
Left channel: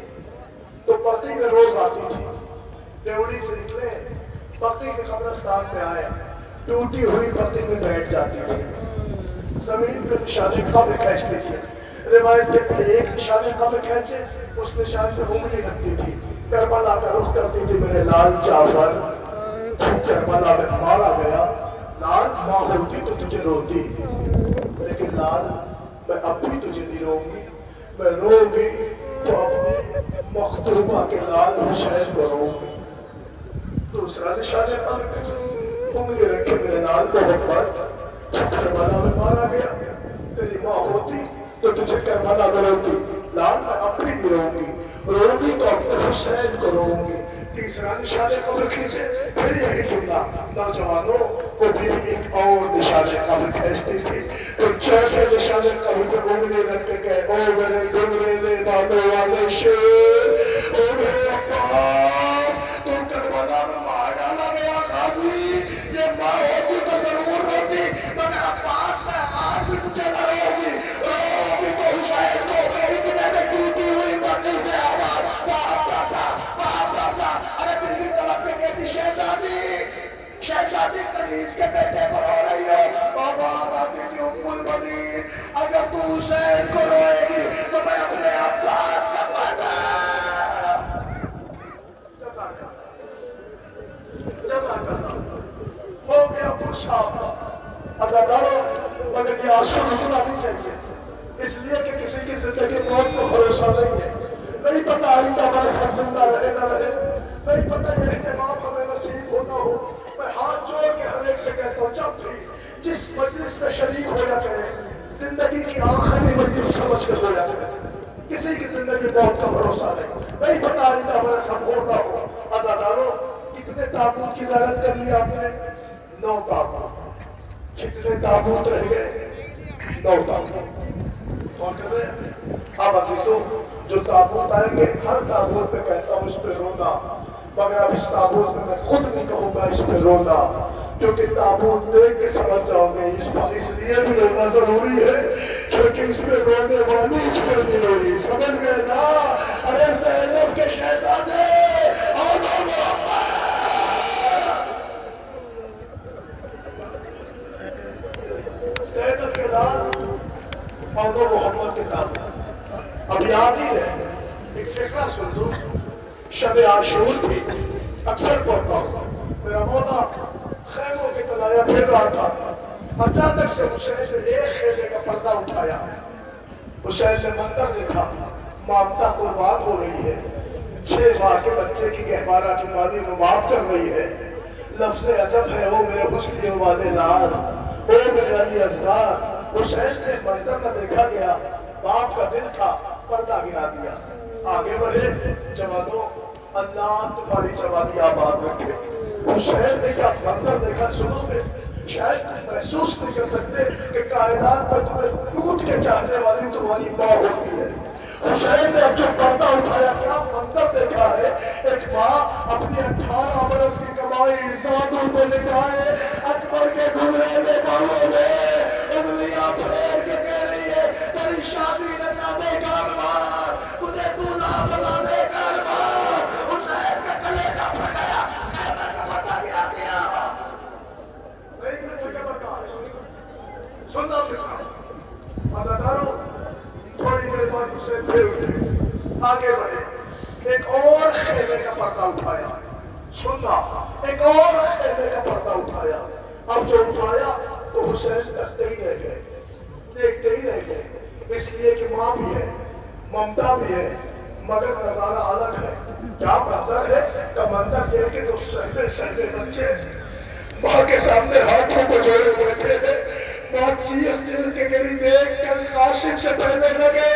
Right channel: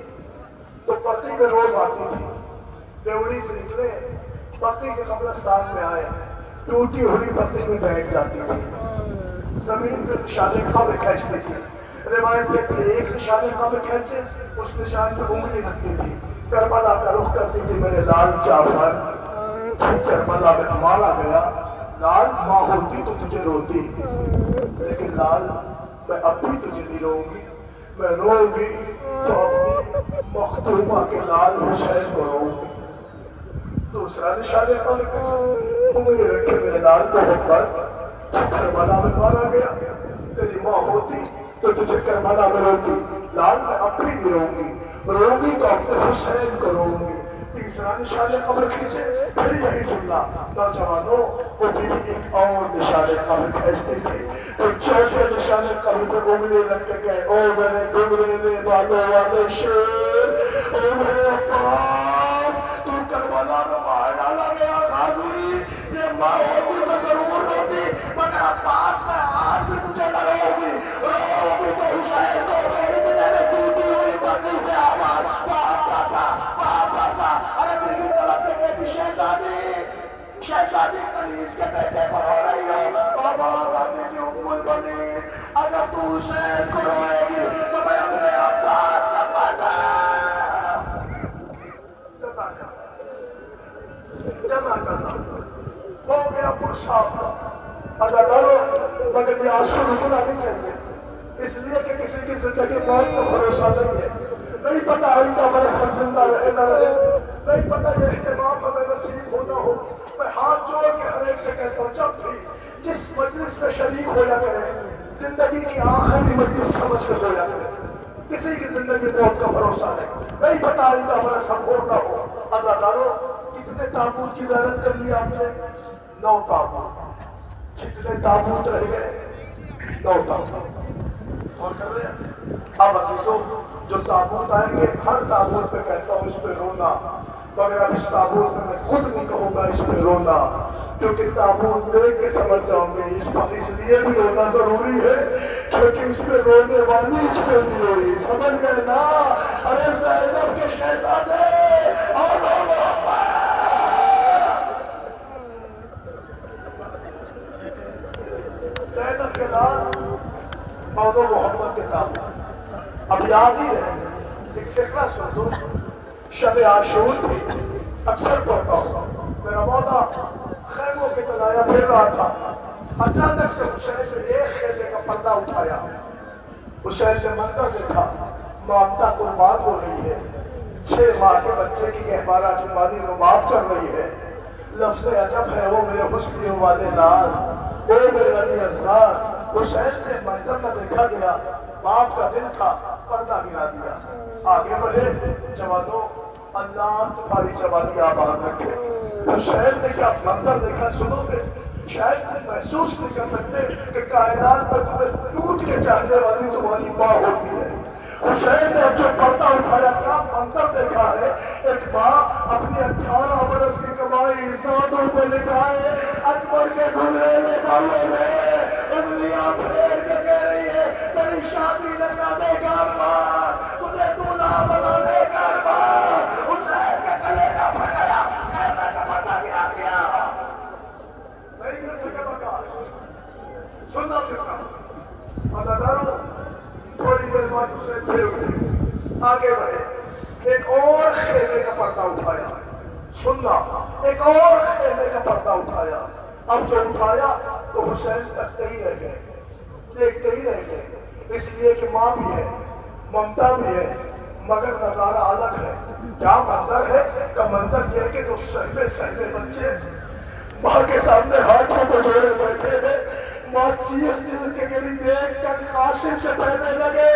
تو پتی میں روز آتی تھی، ریوڑی سے نکلے پتی کے قبرستان میں آئے، ٹوٹی ہوئی پتی میں بیٹھ جاتی تھی، زمین پہ نشانے قبر کھینچتی تھی۔ روایت کہتی ہے ایک نشانے قبر کھینچے، اس نشان پہ انگلی رکھتی تھی، کربلا کا رخ کرتی تھی، میرے لال جعفر تو کربلا میں مارا گیا، لال ماں ہوتی تو تجھے روتی، لیکن لال میں اب بھی تجھے نہیں روں گی، میں رو گی تو اپنی مختومہ کے لال حسین کو رو گی۔ دوسرا نشانے قبر کھینچے، انگلی رکھے، میرے لال محمد کربلا میں مارا گیا، تیری ماں ہوتی تو تجھے کربلا میں روتی، لال میں اب بھی نہیں رہوں گی تو اپنے حسین کو رہوں گی۔ تیسرا نشان قبر کھینچے، پھر یہی جملہ، نوجوانوں کو بھی ایک اور نشان قبر کھینچتی تھی۔ ایک چوتھا نشان قبر پہ انگلی رکھ کے گئے، او میرے گنگریلے بالوں والے شیر، او میرے عباس، تو کربلا میں مار ڈالا گیا غازی، یہ ماں ہوتی تو ضرور ہوتی، مگر عباس میں آج بھی تجھے نہ ہوگی، رہوگی تو حسین کو اتنے میں ٹوٹی ہوئی مرضی سے آواز، واپس آ، ارے بیوی طرف سے کہتی شہزادی کنیز کے بیٹے کو رو رہی ہو، آباد آنے کی ام البنین، اگر تو حسین کو روئے گی تو میں اپنے عباس کا پردہ۔ جزاک اللہ ہو گیا پرشاب کا اداکاروں، مگر یہ آنسو رکنا نہیں چاہیے، اس لیے کہ کسی کی زندگی موت کا بھروسہ نہیں ہے، نہیں پتہ آئندہ ہمارے سب زندہ رہے نہ رہے، نہیں پتہ یہ اہتمام ہمیں نصیب ہونا ہو۔ میں ہاتھ جوڑ کے ہر ایک سے کہتا ہوں، جب بھی جس مجلس میں شریک ہو یا کرے، زندگی کی آخری مجلس سمجھ کر ہو یا کرے، کسی کی زندگی موت کا بھروسہ نہیں پتہ آئندہ ہمارا سب ہونا ہو۔ اداکاروں، کتنے تابوت کی زیارت کر لی آپ نے؟ 9 تابوت۔ کتنے تابوت رہ گئے؟ 9 تابوت۔ اور کر رہے ہیں اب عزیزوں، جو تابوت آئیں گے ہر تابوت پہ کہتا ہوں اس پہ رونا، مگر اب اس تابوت میں میں خود نہیں کہوں گا اس پہ رونا، کیونکہ تابوت دیکھ کے سمجھ جاؤں گے اس لیے بھی رونا ضروری ہے کیونکہ اس پہ رونے والی اس پہ نہیں روئی، سمجھ گئے نا؟ ارے زینب کے شہزادے زینب کے ساتھ مانو محمد کے ساتھ اب یاد ہی ہے، ایک فکرہ سن لو، شب عاشور تھی، اکثر پڑھتا ہوں، میرا مولا خیموں کی طرح پھر رہا تھا، اچانک سے حسین نے ایک خیمے کا پردہ اٹھایا، حسین نے منظر دیکھا، مامتا قربان ہو رہی ہے، 6 ماہ کے بچے کی گہوارہ کی مالی رباب کر رہی ہے، لفظ عجب ہے او میرے حسن والے لال، او میرے علی اصغر، حسین سے منظر نہ دیکھا گیا، باپ کا دل تھا، پردہ گرا دیا، آگے بڑھے، جوانوں اللہ تمہاری جوانی آباد رکھے۔ حسین نے کیا منظر دیکھا سنو گے، شاید تم محسوس نہیں کر سکتے کہ کائنات پر تمہیں ٹوٹ کے چاہنے والی تمہاری ماں ہوتی ہے۔ حسین نے جو پردہ اٹھایا کیا منظر دیکھا ہے، ایک ماں اپنی 18 برس کی کمائی زادوں پہ لٹائے، اکبر کے گھنگریلے بالوں میں انگلیاں پھیر کے کہہ رہی ہے تیری شادی نکالے کا ارمان، تجھے دولہا بنانے کا ارمان۔ حسین کا کلیجہ پھٹ گیا، خیمے کا پردہ گرا دیا۔ نہیں مل سکے برداشت، سننا سکھنا اداکاروں، تھوڑی دیر بعد حسین پھر اٹھے، آگے بڑھے، ایک اور خیمے کا پردہ اٹھایا، سننا ایک اور خیمے کا پردہ اٹھایا، اب جو اٹھایا تو حسین تکتے ہی رہ گئے، دیکھتے ہی رہ گئے، اس لیے کہ ماں بھی ہے، ممتا بھی ہے، مگر نظارہ الگ ہے۔ کیا منظر ہے؟ کا منظر یہ ہے کہ تو سہمے بچے ماں کے سامنے ہاتھوں کو جوڑے بیٹھے تھے، ماں چیخ چیخ کے گری، دیکھ کر قاسم سے پہلے لگے،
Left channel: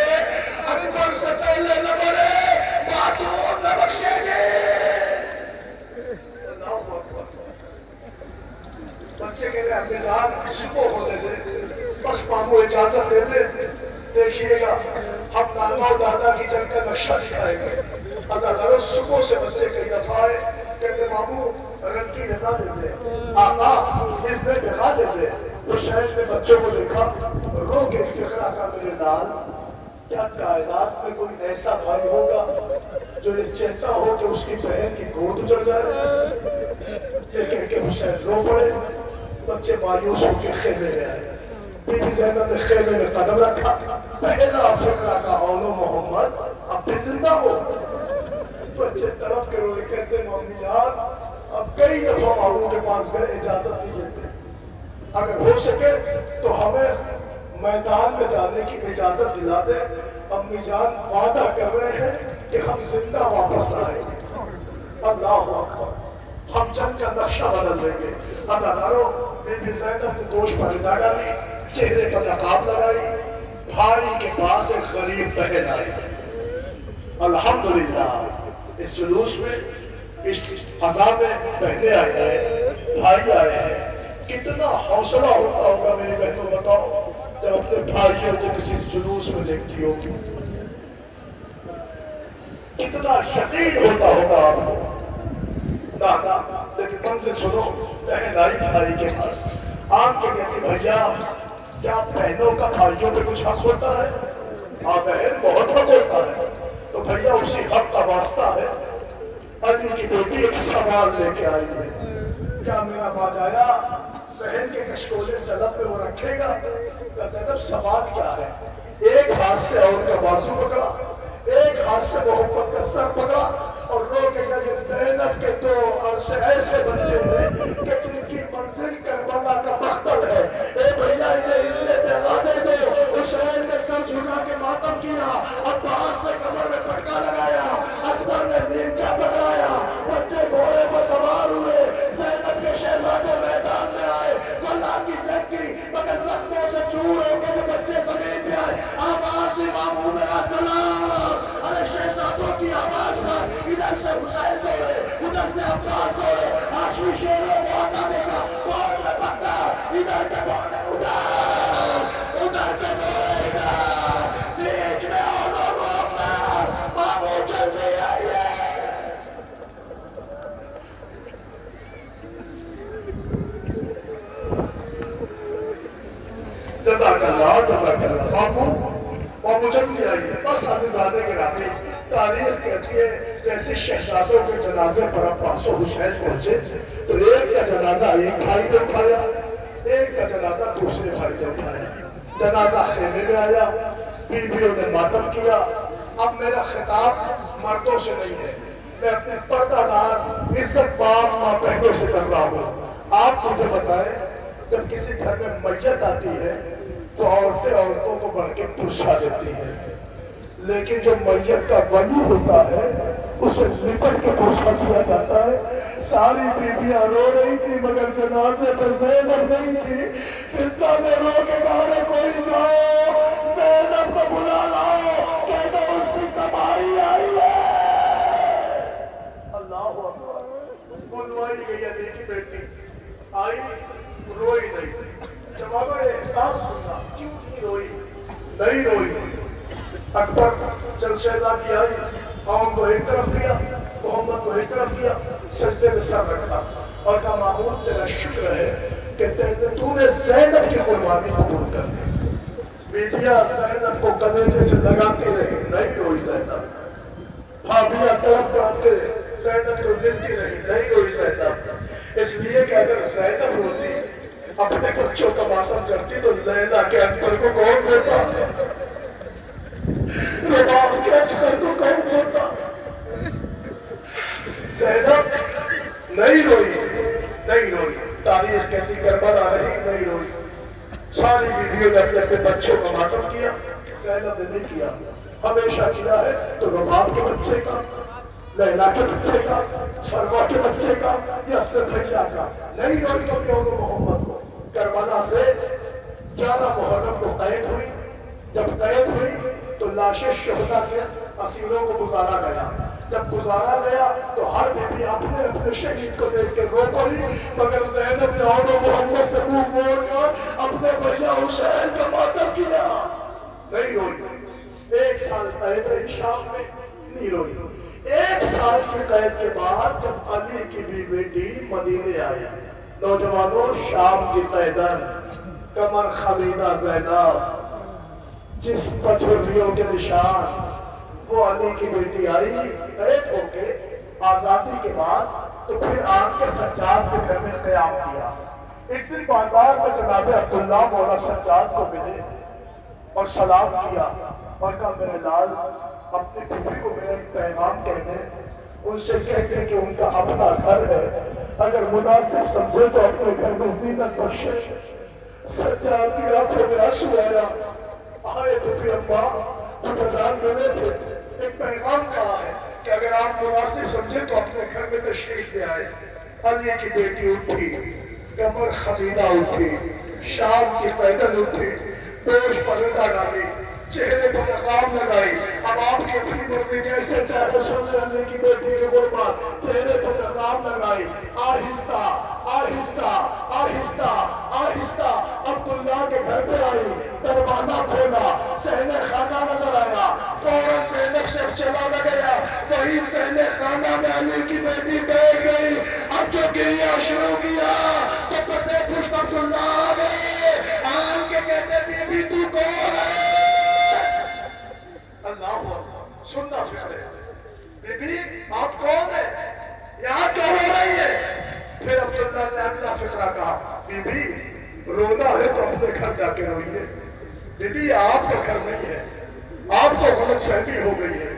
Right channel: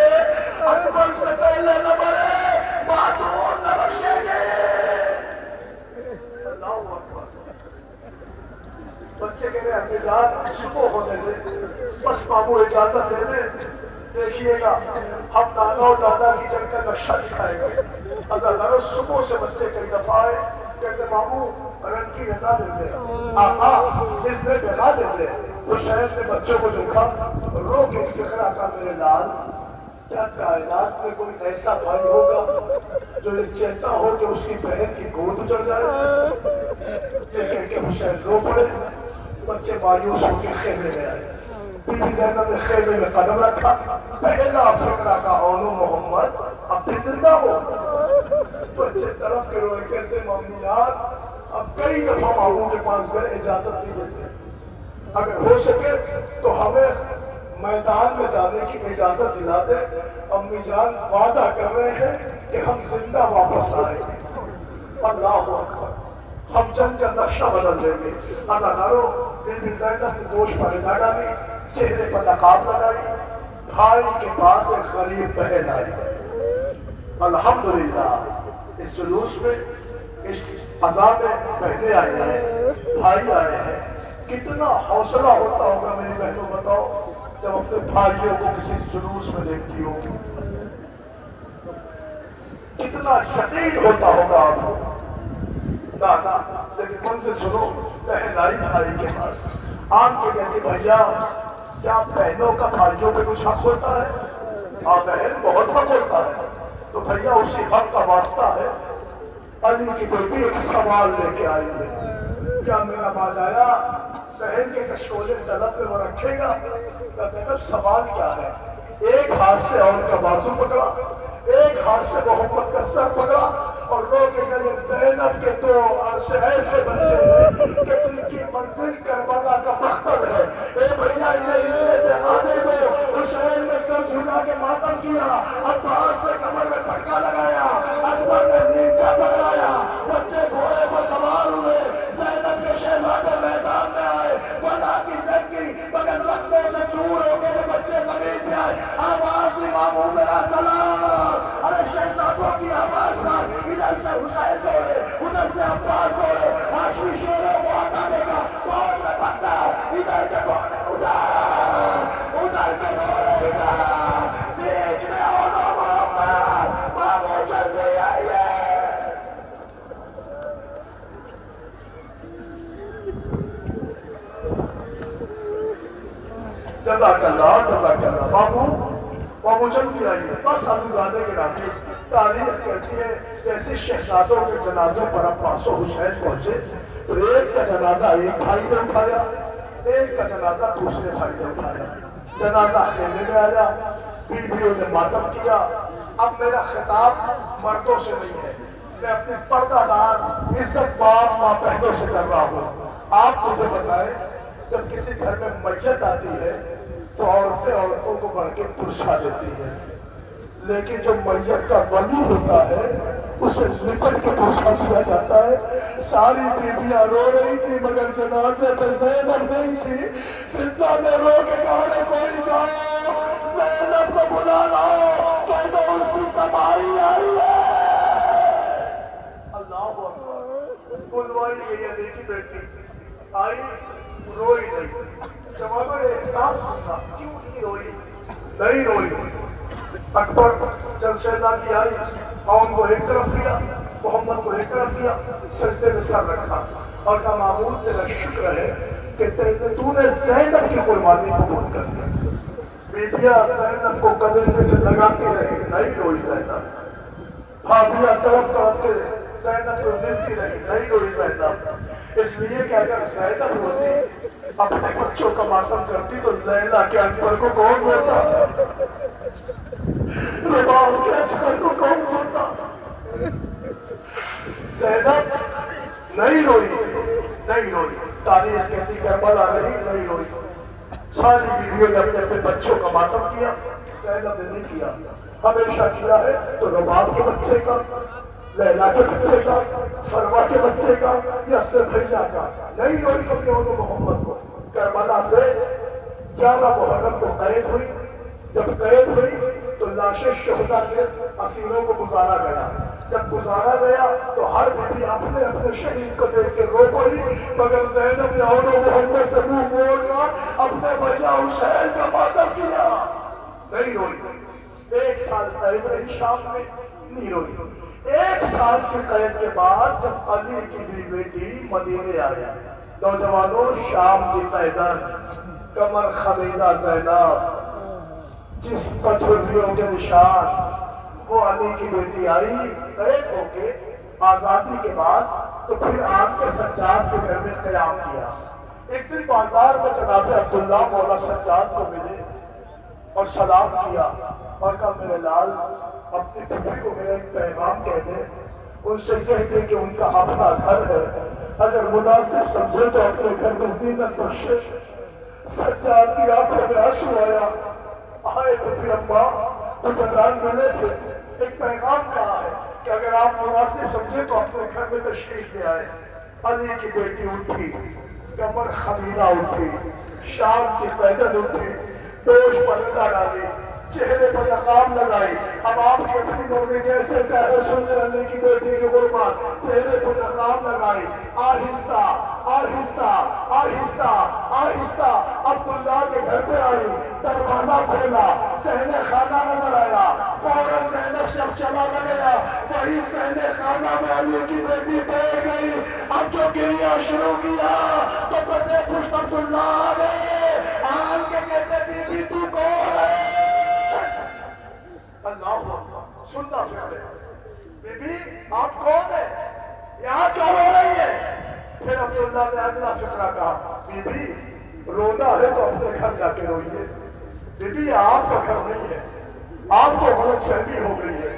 اکبر سے پہلے نہ مرے، باتوں نہ بخشے گے۔ اللہ اکبر۔ بچے کہہ رہے امی جان صبح ہونے دے، بس مامو اجازت دے دے، دیکھیے گا ہم نانا و دادا کی جنگ کا نقشہ دکھائیں گے۔ اگر ہر صبح سے بچے کئی دفعہ آئے کہتے مامو رنگ کی رضا دے دے، آقا اس نے دکھا دے دے۔ حسین نے بچوں کو دیکھا، رو کے فکرہ کا میرے لال، کیا کائنات میں کوئی ایسا بھائی ہوگا جو یہ چاہتا ہو کہ اس کی بہن کی گود اجڑ جائے؟ یہ کہہ کے حسین رو پڑے، بچے مایوس ہو کے خیمے میں آئے، بی بی زینب نے خیمے میں قدم رکھا، پہلا فکرہ کا اولو محمد اب بھی زندہ ہو۔ بچے تڑپ کے روئے، کہتے مامی جان اب کئی دفعہ ماموں کے پاس گئے، اجازت نہیں دیتے، اگر ہو سکے تو ہمیں میدان میں جانے کی اجازت دلا دے، امی جان وعدہ کر رہے ہیں کہ ہم زندہ واپس آئیں گے۔ اللہ اکبر، ہم جنگ کا نقشہ بدل دیں گے۔ اداکاروں، بی بی زینب نے گوشت پر ادا ڈالی، چہرے پر نقاب لگائی، بھائی کے پاس ایک غریب بہن آئی. الحمدللہ اس جلوس میں اس فضا میں بہنیں آئی ہیں، بھائی آئے ہیں. کتنا حوصلہ ہوتا ہوگا میری بہنوں، بتاؤ جب اپنے بھائیوں کو کسی جلوس میں دیکھتی ہو، کتنا یقین ہوتا ہوگا آپ کو. نا لیکن منظر سنو، بہن آئی بھائی کے پاس آن کے کہتی بھیا کیا بہنوں کا بھائیوں پہ کچھ حق ہوتا ہے؟ ہاں بہن بہت حق ہوتا ہے. تو بھیا اسی حق کا واسطہ ہے. علی کی بیٹی ایک سوال لے کے آئی ہے. کیا میرا باجایا بہن کے کشکولے طلب پہ وہ رکھے گا؟ کیا زینب سوال کیا ہے؟ ایک ہاتھ سے عورت کا بازو پکڑا، ایک ہاتھ سے محمد کا سر پکڑا اور رو کے کہا زینب کے تو عرش ایسے بچے ہیں کہ جن کی منزل کربلا کا مقتل ہے. اے بھیا یہ عزت دے دو. حسین نے سر جھکا کے ماتم کیا، عباس نے کمر میں پٹکا لگایا، اکبر نے نیچا پکڑایا، بچے گھوڑے پر سوار ہوئے، زینب کے شہزادے میدان میں آئے، اللہ کی جنگ کی مگر زخموں سے چور ہو کے بچے زمین پہ آئے. آواز امام میرا سلام، ارے شہزادوں کی آواز کا ادھر سے حسین دوڑے، ادھر سے عباس دوڑے، ہاشمی شیروں کو آتا دیکھا فوج میں بھگا، ادھر سے دوڑے ادھر سے دوڑے ادھر، بیچ میں اولو محمد مامو جلدی آئیے. جزاک اللہ جزاک اللہ. مامو جلدی آئیے. بس حضرت کے راتے تاریخ کہتی ہے جیسے شہزادوں کے جنازے پر عباس و حسین پہنچے تو ایک کا جنازہ ایک بھائی نے اٹھایا، ایک کا جنازہ دوسرے بھائی نے اٹھایا. جنازہ خیمے میں آیا، بیویوں نے ماتم کیا. اب میرا خطاب مردوں سے نہیں ہے، میں اپنی پردہ دار عزت باپ ماں بہنوں سے کر رہا ہوں. آپ مجھے بتائیں جب کسی گھر میں میت آتی ہے تو عورتیں عورتوں کو بڑھ کے پرسا دیتی ہیں، لیکن جو میت کا ولی ہوتا ہے اسے نپٹ کے پرسا کیا جاتا ہے. ساری بیویاں رو رہی تھی مگر جنازے پر زینب نہیں تھی. فضا نے رو کے کہا رے کوئی جاؤ زینب کو بلا لاؤ، کہہ دو اس کی سواری آئی ہے. اللہ اکبر. بلوائی گئی علی کی بیٹی آئی، روئی نہیں. جوابہ یہ احساس ہوگا کیوں نہیں روئی؟ نہیں روئی. اکبر جب شہزادی آئی ان کو ایک طرف کیا، محمد کو ایک طرف کیا، سجدے میں سر رکھا اور کہا معمول تیرا شکر ہے کہ تو نے زینب کی قربانی قبول کر دی. بیٹیاں زینب کو گلے سے لگاتی رہی، نہیں روئی زینب. بھابیاں تڑپ تڑپ کے زینب کو ملتی رہی، نہیں روئی زینب. اس لیے کہ اگر زینب ہوتی اپنے بچوں کا ماتم کرتی تو لیلا کے اکبر کو کون ہوتا، رباب کے اکبر کو کون ہوتا. زینب نہیں روئی، نہیں روئی. تاریخ کہتی کربلا رہی، نہیں روئی. ساری بیویوں نے اپنے اپنے بچوں کا ماتم کیا، زینب نے نہیں کیا. ہمیشہ کیا ہے تو رباب کے بچے کا، لیلا کے بچے کا، سروا کے بچے کا یا اپنے بھیا کا. نہیں روئی تو کیوں تو محمد کو. کربلا سے 11 محرم کو قید ہوئی. جب قید ہوئی تو لاشیں شہداء کے اسیروں کو گزارا گیا. جب گزارا گیا تو ہر بیوی اپنے اپنے شہید کو دیکھ کے رو پڑی مگر زینب نے اور محمد سے منہ موڑ کر اپنے بھیا حسین کا ماتم کیا، نہیں روئی. 1 سال قید رہی شام میں، نہیں روئی. 1 سال کی قید کے بعد جب علی کی بھی بیٹی مدینے آیا، نوجوانوں شام کی قیدن کمر خمیدہ زینب جس پچھوٹیوں کے نشان، وہ علی کی بیٹی آئی قید ہو کے آزادی کے بعد. تو پھر آپ کے سجاد کے گھر میں قیام کیا. اس دن بازار میں جناب عبداللہ مولا سجاد کو ملے اور سلام کیا اور کہا میرے لال اپنی پھوپھی کو میرا ایک پیغام کہہ دیں، ان سے کہتے کہ ان کا اپنا گھر ہے، اگر مناسب سمجھے تو اپنے گھر میں زینت بخشے. سجاد کی آنکھوں میں آنسو آیا. آئے پھوپھی اماں حکمران ملے تھے، ایک پیغام کہا ہے کہ اگر آپ مناسب سمجھے تو اپنے گھر میں تشریف لے آئے. علی کی بیٹی اٹھی، کمر خمیدہ اٹھی، شام کی پیدل اٹھی، دوش پر ردا ڈالی. چہرے پر لگام لگائی. اب آپ کی اپنی مرضی جیسے چاہے سن اللہ کی بیٹی کی قربان. چہرے پر لگام لگائی. آہستہ آہستہ آہستہ آہستہ عبداللہ کے گھر پہ آئی. دروازہ کھولا, صحن خانہ نظر آیا. فوراً زینب سے چلا نہ گیا, وہی صحن خانہ میں علی کی بیٹی بیٹھ گئی. اب جو گریہ شروع کیا تو بسے پشت عبداللہ آگئے, آن کے کہتے بی بی تو کون ہے؟ اللہ اکبر, سننا فکر ہے. بی بی آپ کون ہیں؟ یہاں کیا ہو رہی ہے؟ پھر عبداللہ نے اگلا فکرہ کہا, بی بی رونا ہے تو اپنے گھر جا کے روئیے. بی بی آپ کا گھر نہیں ہے, آپ کو غلط فہمی ہو گئی ہے,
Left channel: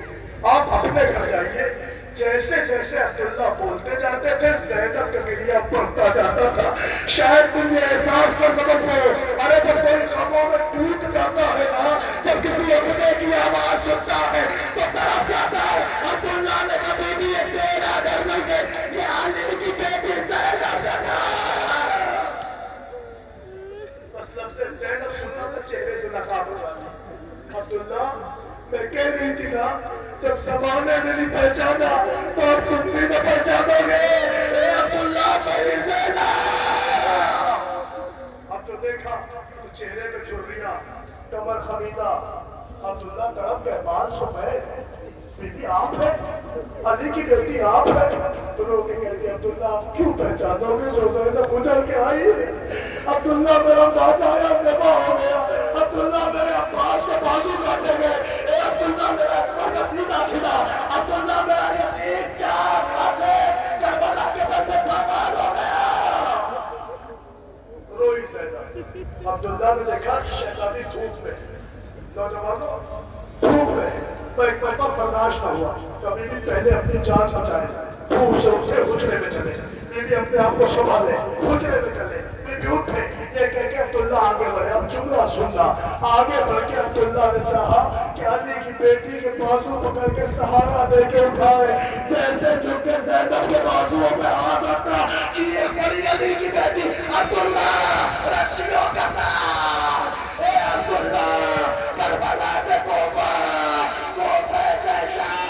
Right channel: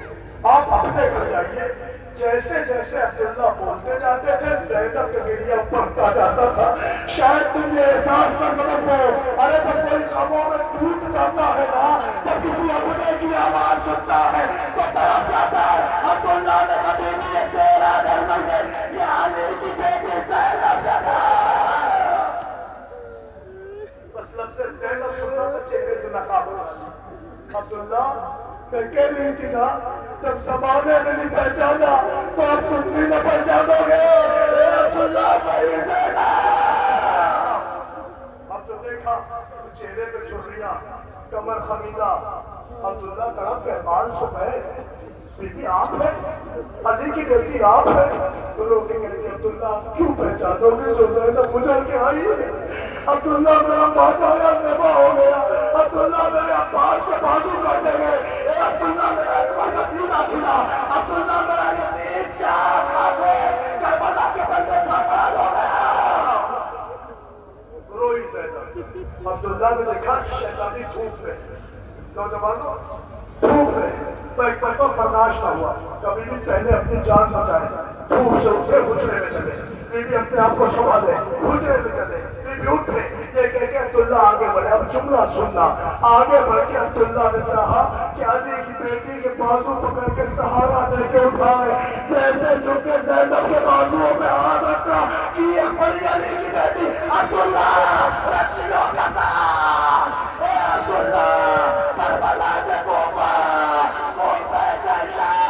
آپ اپنے گھر جائیے. جیسے جیسے عبداللہ بولتے جاتے تھے زینب کا گریہ بڑھتا جاتا تھا. شاید تم یہ احساس کر سکتے ہو, ارے جب کوئی غموں میں ٹوٹ جاتا ہے نا, جب کسی اٹھنے کی آواز سنتا ہے تو طرف جاتا ہے. عبداللہ نے کبھی بھی یہ تیرا گھر نہیں ہے, یہ علی کی بیٹی زینب کا گھر. بس لفظ زینب سننا تو چہرے سے نقاب ہو رہا. عبداللہ میں کہہ رہی تھی نا, جب زمانے نے نہیں پہچانا تو اب تم بھی نہ پہچانو گے. اے عبداللہ میری زینب. اب تو دیکھا چہرے پہ چھڑیاں, کمر خمیدہ. عبداللہ تڑپ کے بال سو گئے. بیٹی آپ ہیں, علی کی بیٹی آپ ہیں. رو کے کہتی عبداللہ آپ کیوں پہچانو گے جو زینب اجل کے آئی ہے؟ عبداللہ میرا باجایا ذبح ہو گیا. عبداللہ میرے عباس کے بازو کاٹے گئے. اے عبداللہ میرا اکبر کا سینہ چھنا. عبداللہ میرا یتیم چار خاصے کربلا کے بندے پامال ہو گیا. روئی زینب. عبداللہ نے دیکھا کہ شہزادی دھوپ میں, نوجوانوں دھوپ میں ایک پل کو برداشت نہ ہوا. کبھی بھی پہلے اپنی جان بچائے, دھوپ سے اٹھے حجرے میں چلے. بیوی اپنے آپ کو سنبھالے, حجرے میں چلے. بیوی اٹھے, یہ کہہ کے عبداللہ آگے بڑھے. اب جملہ سننا. آگے بڑھ کے عبداللہ نے چاہا کہ علی کی بیٹی کے بازو پکڑ کے سہارا دے کے اٹھائے. جیسے جھکے زینب کے بازوؤں میں ہاتھ رکھا, چیخ پڑی علی کی بیٹی, عبداللہ رسیوں کا ساتھ. اے عبداللہ کربلا سے کوفہ, کوفہ سے شام.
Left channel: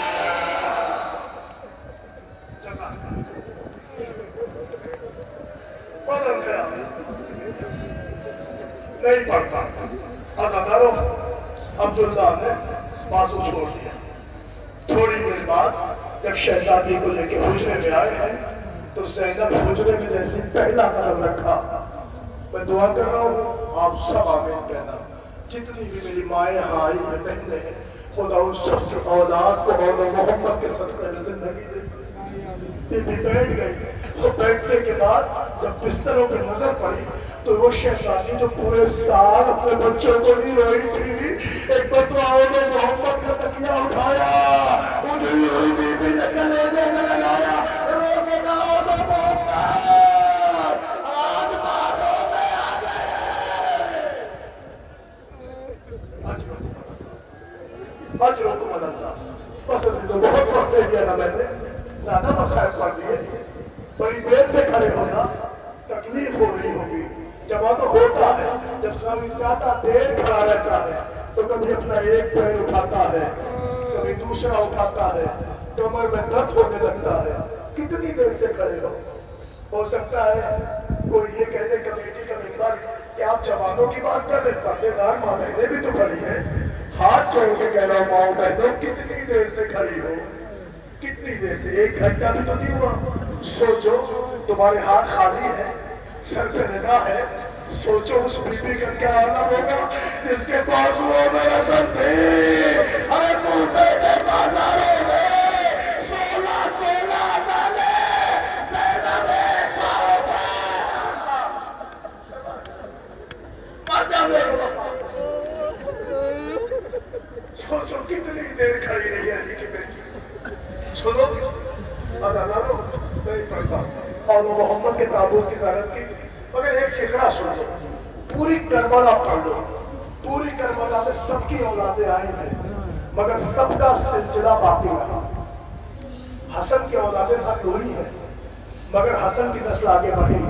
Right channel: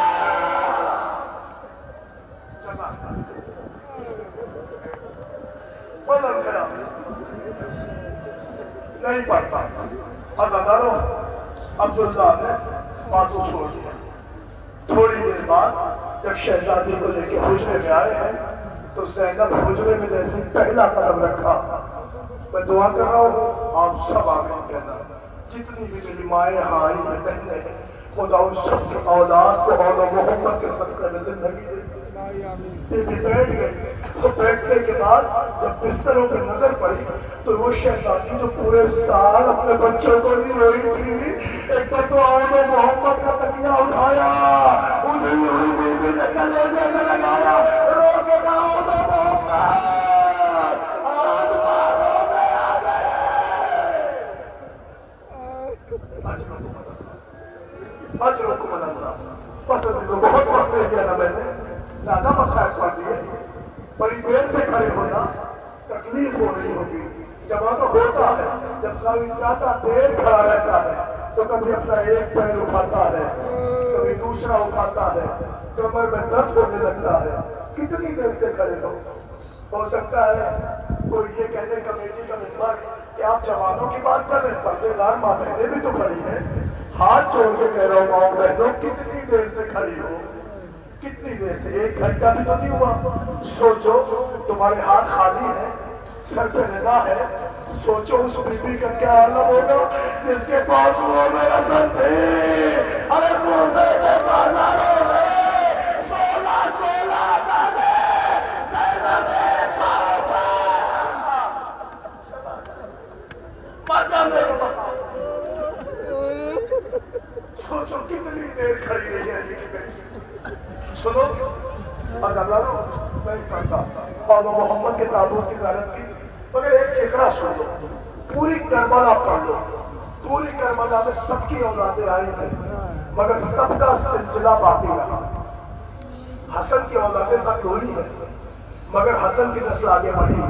بدل گیا, نہیں پڑتا. عزادارو عبداللہ نے باتوں چھوڑ دیا. تھوڑی دیر بعد جب شہزادی کو لے کے حجرے میں آئے ہیں تو زینب حجرے میں جیسے پہلا قدم رکھا. میں دعا کر رہا ہوں آپ سب آمین کہنا. جتنی بھی میری مائیں یہاں آئی ہیں بہنیں ہیں, خدا ان سب کی اولاد کو اور محمد کے صدقے میں زندگی دے. بیوی بیٹھ گئی. تو بیٹھنے کے بعد جب بستروں پہ نظر پڑی تو وہ شہزادی جو پورے سال اپنے بچوں کو نہیں روئی تھی, ایک بار تو آن محمد کا تکیہ اٹھایا, اٹھی ہوئی بیوی نے کلیجے سے لگایا, رو کے کہا آن محمد آج مارو میں آ گئے. اجرکم اللہ. پسند تو بہت وقت دے دیا نا میں نے, زیادہ مسائل پڑھ دیے. بڑی دیر سے کھڑے ہونا, تکلیف ہو رہی ہوگی. جب تو ہوتا ہے جب زیادہ دیر کھڑا رہتا ہے تو کبھی اپنا ایک پیر اٹھاتا ہے, کبھی دوسرا اٹھاتا ہے, کمر میں درد ہونے لگتا ہے. کتنی دیر سے کھڑے ہو سکتا ہے کوئی یہ کہنے کمیٹی کا ممبر کہ آپ جوانوں کی بات کر رہے ہیں, پردے دار ماں بہنیں بھی تو کھڑی ہیں. ہاتھ چھوڑ کے کہہ رہا ہوں ماؤں بہنوں کتنی دیر سے کھڑی ہو, کتنی دیر سے, ایک گھنٹہ بھی تو نہیں ہوا. سوچو تمہارے ہاتھ خالی ہے, سر پہ نگاہ ہے. سوچو اس بیوی کا کیا عالم ہوگا جس کے بازوؤں میں رسل تھی. ارے کوفے کے بازاروں میں 16 سالے زینب پاؤں پر مزہ میں. سوچو کتنی دیر کھڑی رہی ہے علی کی بیٹی. سنو عزادارو, میں پڑھتا اور محمد کے تابوت کی زیارت کی, مگر ایک فکرہ سن لو. پوری کربلا پڑھ لو. پوری کربلا میں سب کی اولادیں آئی ہیں مگر سب کا سلسلہ باقی رہا. حسن کی اولادیں ختم ہوئی ہیں مگر حسن کی نسل آگے بڑھی.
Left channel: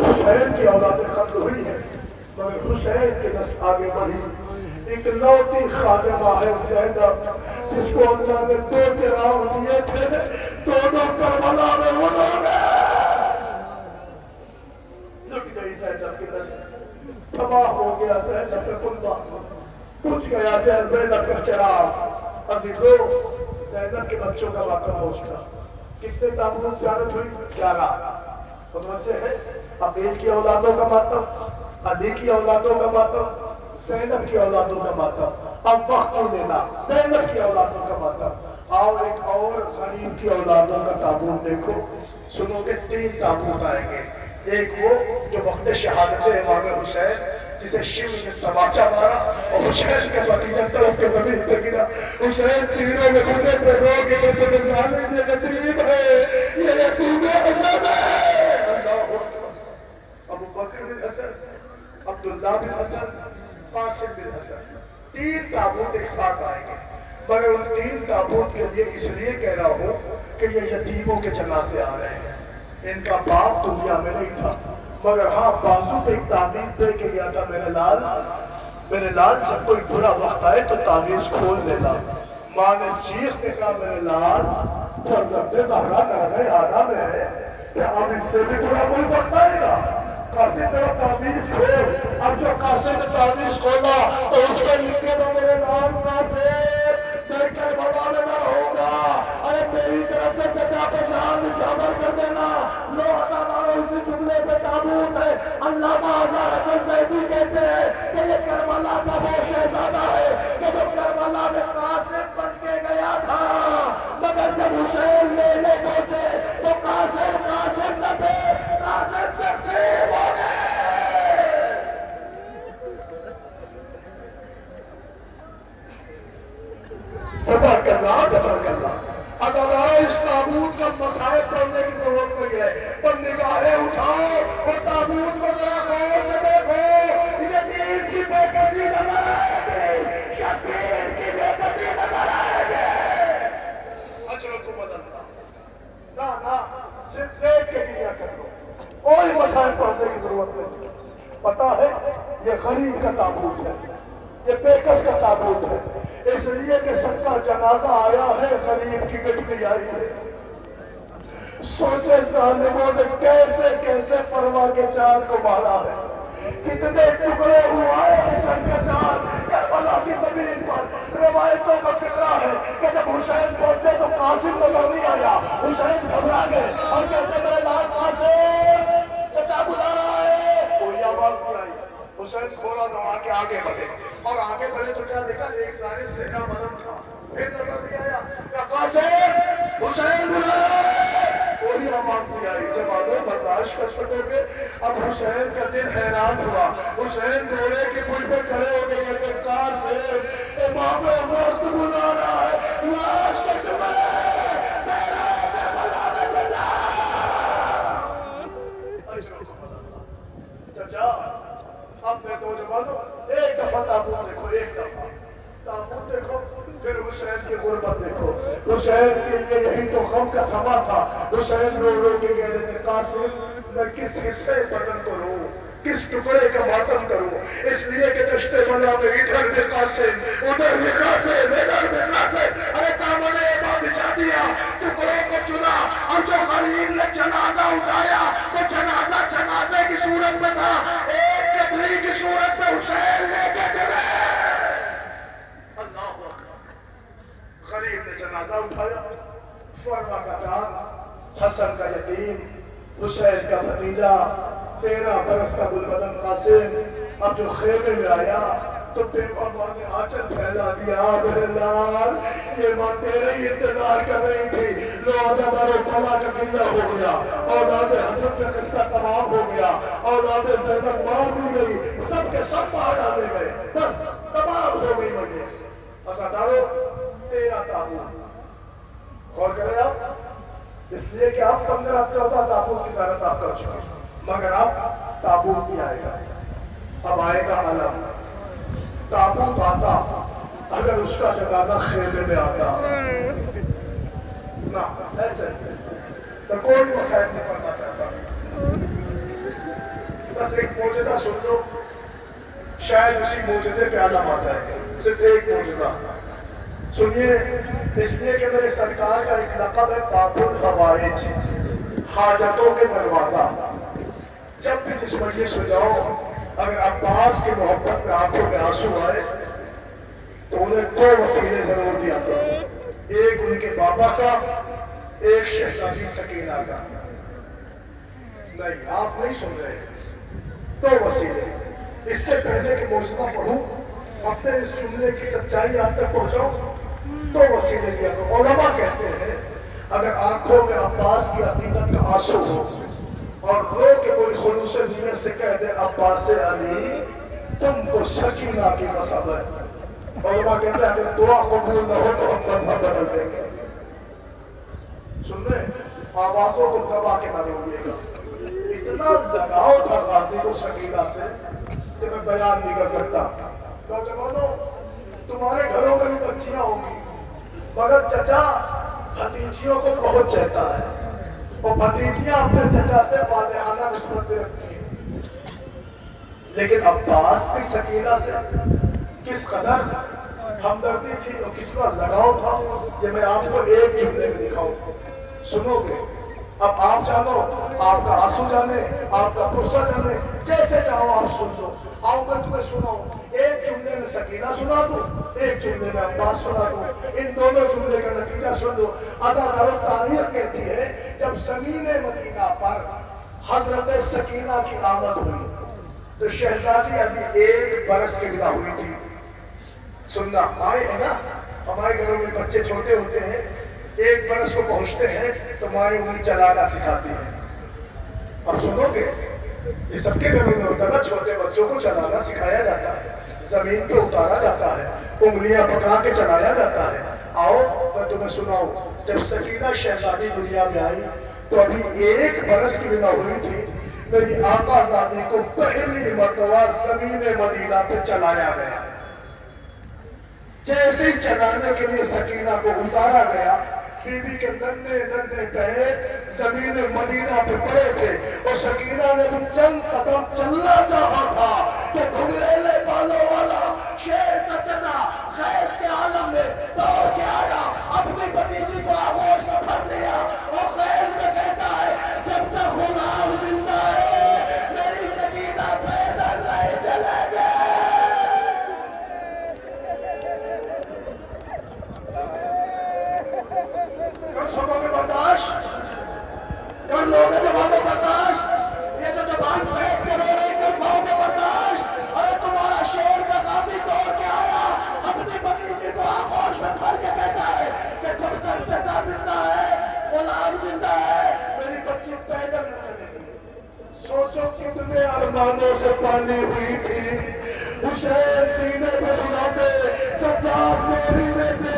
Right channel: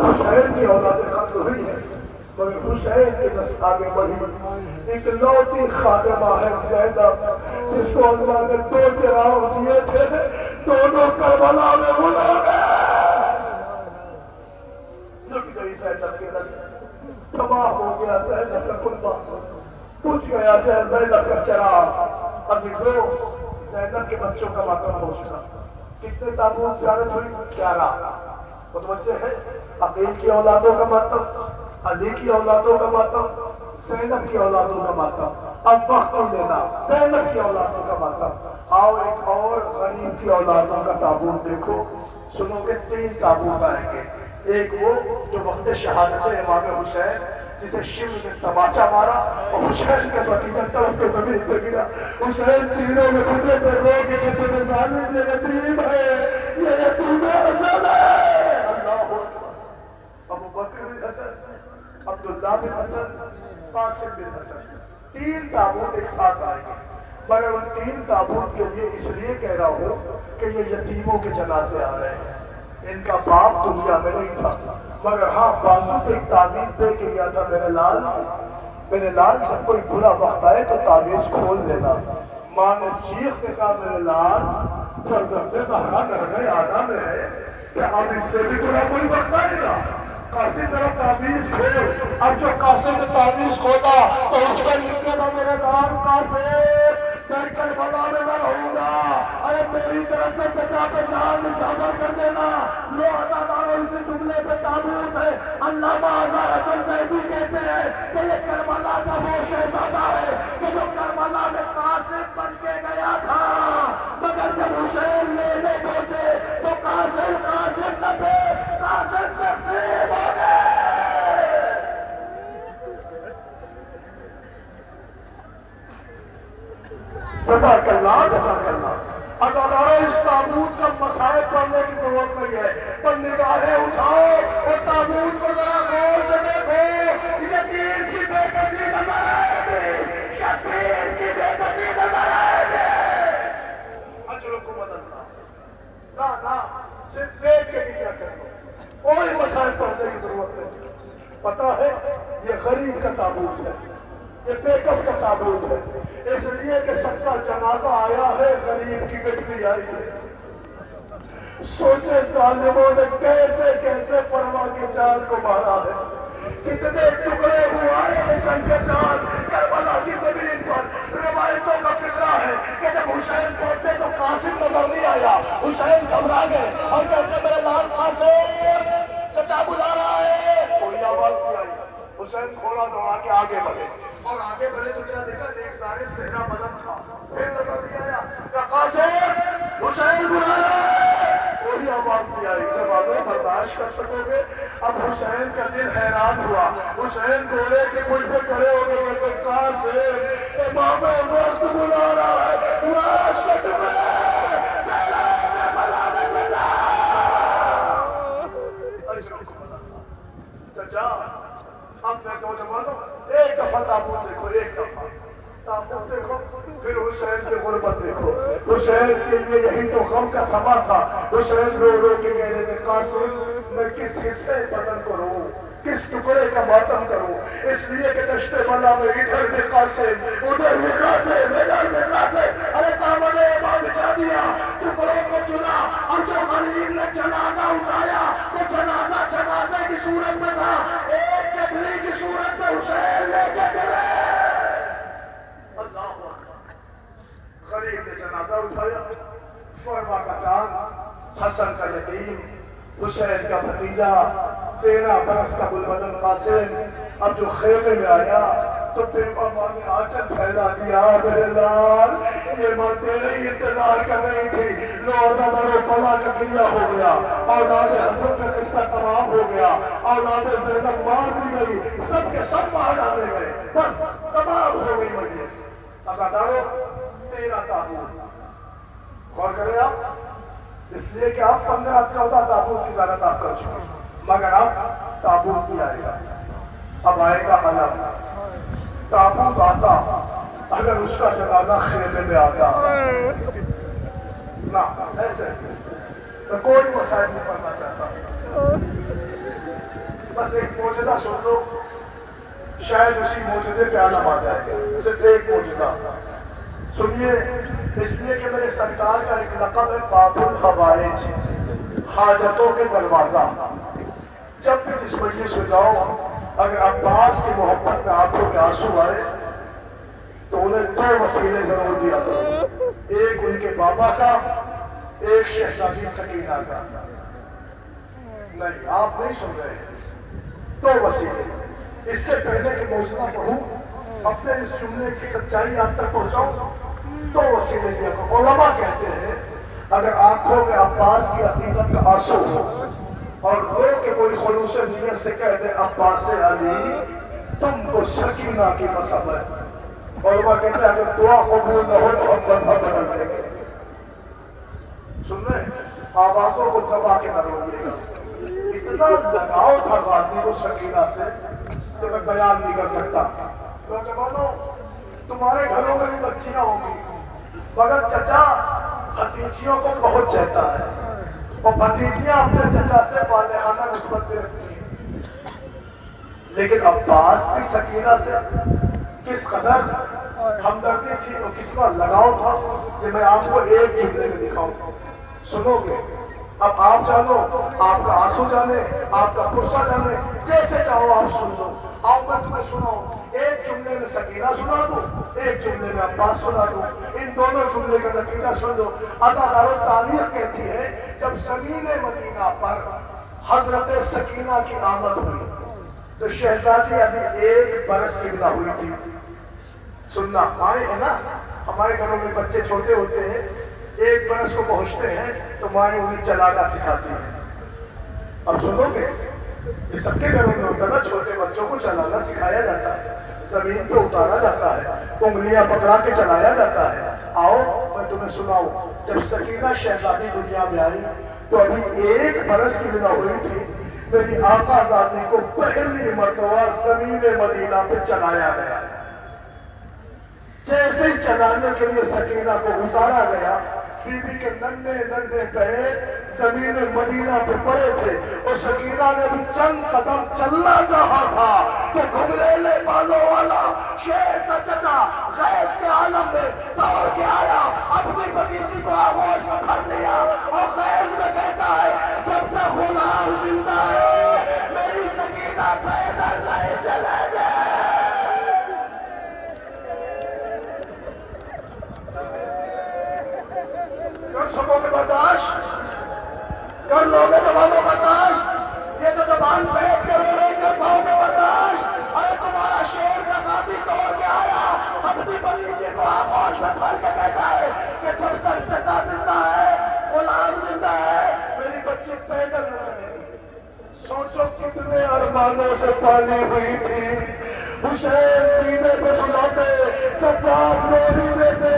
حسین کی اولادیں ختم ہوئی ہیں مگر حسین کی نسل آگے بڑھی. اکلوتی خادمہ ہے زینب جس کو اللہ نے 2 چراغ دیے تھے، دونوں کربلا میں انہوں نے لٹ گئی زینب کے دست، تباہ ہو گیا زینب کا کنبہ، پوچھ گیا زینب کا چراغ۔ عزیزو زینب کے بچوں کا ماتم پہنچتا، کتنے تابوت زیارت ہوئی؟ 11 متوجہ ہے؟ عقیل کی اولادوں کا ماتم، علی کی اولادوں کا ماتم، زینب کی اولادوں کا ماتم۔ اب وقت نہیں لینا، زینب کی اولادوں کا ماتم۔ آؤ ایک اور غریب کی اولادوں کا تابوت دیکھو، سنو کہ 3 تابوت آئیں گے۔ ایک وہ جو وقت شہادت امام حسین جسے شیو نے تماچا مارا اور حسین کے بھتیجا چڑھ کے زمین پہ گرا، حسین تینوں میں گزرے پہ رو کے کہتے ہیں ظالم یہ یتیم ہے، یہ یتیم حسن ہے۔ اللہ اکبر۔ ابو بکر بن حسن، عبداللہ بن حسن، قاسم بن حسن، 3 تابوت ایک ساتھ آئیں گے، مگر ان 3 تابوت کے لیے اس لیے کہہ رہا ہوں کہ یہ یتیموں کے جنازے آ رہے ہیں۔ ان کا باپ دنیا میں نہیں تھا، مگر ہاں بازو پہ ایک تعویذ دے کے گیا تھا، میرے لال جب کوئی برا وقت آئے تو تعویذ کھول لینا۔ ماں نے چیخ کے کہا میرے لال فرزند زہرا نرغہ آدھا میں ہے کہ اب اس سے بھی برا کوئی وقت آئے گا، قاسم میرا تعویذ کھول۔ اب جو قاسم نے تعویذ کھولا تو اس پہ لکھے میں میرے لال قاسم میں کربلا میں نہ ہوگا، ارے میری طرف سے چچا پہ جان نچھاور کر دینا۔ لو ہزاروں اسی جملے پہ تابوت ہے۔ علامہ آزاد حسن زیدی کہتے ہیں کہ یہ کربلا کا وہ شہزادہ ہے کہ جو کربلا میں قاسم بن کے گیا تھا، مگر جب حسین لینے پہنچے تو قاسم نہ تھے، قاسم تقسیم ہو گئے۔ جزاک اللہ، جزاک اللہ۔ ادارہ اس تابوت کا مسائل پڑھنے کی ضرورت نہیں ہے، پر نگاہیں اٹھاؤ اور تابوت کو ذرا غور سے دیکھو۔ یتیم کی بے کسی نظر آئے گی، شبیر کی بے کسی نظر آئے گی۔ اجرکم اللہ، نہ صرف دیکھ کے دیا کرو، کوئی مسائل پڑھنے کی ضرورت نہیں۔ پتہ ہے یہ غریب کا تابوت ہے، یہ بے کس کا تابوت ہے، اس لیے کہ سب کا جنازہ آیا ہے، غریب کی گٹری آئی ہے۔ سوچے ظالموں نے کیسے کیسے پرواہ کے چاند کو مارا ہے، کتنے ٹکڑے ہوا ہے حسین کا چاند کربلا کی زمین پر۔ روایتوں کا فقہ ہے کہ جب حسین پہنچے تو قاسم نظر نہیں آیا، حسین گھبرا گئے اور کہتے میرے لال قاسم چچا بلائے، کوئی آواز نہیں آئی۔ حسین گھوڑا دوڑا کے آگے بڑھے اور آگے بڑھے تو کیا دیکھا، ایک سارے صحرا بدن تھا، پھر نظر نہیں آیا، کہا قاسم حسین بلایا، کوئی آواز نہیں آئی۔ جب آگے برداشت کر سکو گے؟ اب حسین کا دل حیران ہوا، حسین گھوڑے کے پشت پہ کھڑے ہو گئے کہ قاسم امام وقت بلا رہا ہے، لاش کا ٹکڑا صحرا کربلا میں بلا۔ چچا اب میں نوجوانوں ایک دفعہ تابوت دیکھو، ایک دفعہ تابوت دیکھو، پھر حسین کی غربت دیکھو۔ حسین کے لیے یہی تو غم کا سما تھا۔ حسین رو رو کے کہہ رہے تھے قاسم میں کس حصے بدن کو رو، کس ٹکڑے کا ماتم کروں، اس لیے کہ دشت بلا میں ادھر بھی قاسم، ادھر بھی قاسم، ادھر بھی قاسم۔ ارے دامن امام بچھا دیا، ٹکڑوں کو چنا، اور جو غریب نے جنازہ اٹھایا تو جنازے کی صورت میں تھا، ایک کبری کی صورت میں حسین لے کے چلے۔ اللہ اکبر۔ غریب نے جنازہ اٹھایا، فرما کا چاند، حسن کا یتیم، حسین کا بھتیجا، 13 برس کا گلبدن قاسم، اب جو خیمے میں آیا تو پھر ماں نے آنچل پھیلا دیا، میرے لال یہ ماں تیرے ہی انتظار کر رہی تھی۔ لو عزادار و فلا کا قلعہ ہو گیا، اولاد حسن کا قصہ تمام ہو گیا، اولاد زینب مار دی گئی، سب کے سب مار ڈالے گئے، بس تمام ہو گئی مجلس۔ عزادارو 13 تابوت، غور کریں آپ، اس لیے کہ آپ 15-14 تابوت کی محنت آپ کر چکے، مگر اب تابوت نہیں آئے گا، اب آئے گا علم۔ تابوت آتا اگر اس کا جنازہ خیمے میں آتا نہ ایسے تو کوئی مسائل نہیں پڑھنا چاہتا۔ بس ایک موجودہ سن لو، شاید اسی موجودے پہ آنا آتا ہے، صرف ایک موجودہ۔ سنیے، اس لیے کہ میرے سرکار کا ایک لقب ہے باب الحوائج، حاجتوں کے دروازہ۔ جب بھی جس مجلس میں جاؤ، اگر عباس کی محبت میں آنکھوں میں آنسو آئے تو انہیں دو وسیلے ضرور دیا کرو، ایک ان کے بابا کا، ایک شہزادی سکینہ کا۔ نہیں، آپ نہیں سن رہے ہیں، دو وسیلے۔ اس سے پہلے کہ موضوع پڑھوں، اپنے اس جملے کی سچائی آپ تک پہنچاؤں، دو وسیلے دیا کرو۔ علماء کہتے ہیں اگر آنکھوں میں عباس کی عقیدت کا آنسو ہو اور رو کے کوئی خلوص نیت سے کہہ دے عباس علی تم کو سکینہ کی مسابت، علماء کہتے ہیں اگر دعا قبول نہ ہو تو ہم مذہب بدل دیں گے۔ سن رہے ہیں؟ آوازوں کو دبا کے نہ روئیے گا۔ اتنا لگاؤ تھا غازی کو سکینہ سے کہ میں بیان نہیں کر سکتا۔ نوجوانوں، تمہارے گھروں میں بھی بچیاں ہوں گی، مگر چچا بھتیجیوں کو بہت چاہتا ہے، اور بھتیجیاں اپنے چچا سے والہانہ نسبت رکھتی ہیں۔ لیکن عباس کی سکینہ سے کس قدر ہمدردی تھی اور کتنا لگاؤ تھا، یہ میں آپ کو ایک جملے میں دکھاؤں، سنو گے؟ اب آپ جانو، آپ کا آنسو جانے، آپ کا غصہ جانے، جیسے چاہو آپ سن لو۔ آؤ میں تمہیں سناؤں، ایک جملے میں سکینہ سنا دوں، ایک جملے میں عباس سنا دوں، ان دونوں جملے کا نتیجہ سن دو۔ اداکارہ تاریخ کہتی ہے جب زمین مدینہ پر حضرت سکینہ کی آمد ہوئی تو شہزادی ابھی 1 برس کی بنا ہوئی تھی۔ سننا، مائیں ہے نا، ہمارے گھروں میں بچے چھوٹے ہوتے ہیں، 1 برس کو پہنچتے ہیں تو مائیں انہیں چلانا سکھاتی ہیں۔ اب سنو گے، یہ سب کے گھروں میں ہوتا ہے نا، چھوٹے بچوں کو چلانا سکھایا جاتا ہے، زمین پہ اتارا جاتا ہے، انگلیاں پکڑا کے چلایا جاتا ہے۔ آؤ میں تمہیں سناؤں، جب سکینہ شہزادی دنیا میں آئی تو ابھی 1 برس کی بنا ہوئی تھی، میری آقا زادی کو پہلی مرتبہ زمین مدینہ پہ چلایا گیا۔ جیسے ہی چلانے کے لیے سکینہ کو اتارا گیا، بی بی کے ننھے ننھے پیر زمین مدینہ پہ پڑے تھے، اور سکینہ نے بھی چند قدم چلنا چاہا تھا تو گھنگریلے بالوں والا شیر کا چچا غیب کے عالم میں دوڑ کے آیا، اپنی بھتیجی کو آغوش میں بھر لیا اور غیب میں کہتا ہے جب تک غلام زندہ ہے میری سکینہ پیدل نہیں چلے گے۔ کر سکو گے برداشت؟ کر لو گے جوانوں برداشت؟ یہ جو زبان پھینک کے رو رہی کر پاؤ گے برداشت؟ ارے تمہارا شیر سے غازی دوڑ کے آیا، اپنی بھتیجی کو آغوش میں بھر کے کہتا ہے کہ جب تک چچا زندہ ہے، غلام زندہ ہے، میری بچی پیدل نہ چلے گی۔ سوچو کتنے ارمانوں سے پالی ہوئی تھی، حسین سینے پہ سناتے، سجاد نوری میں تھے،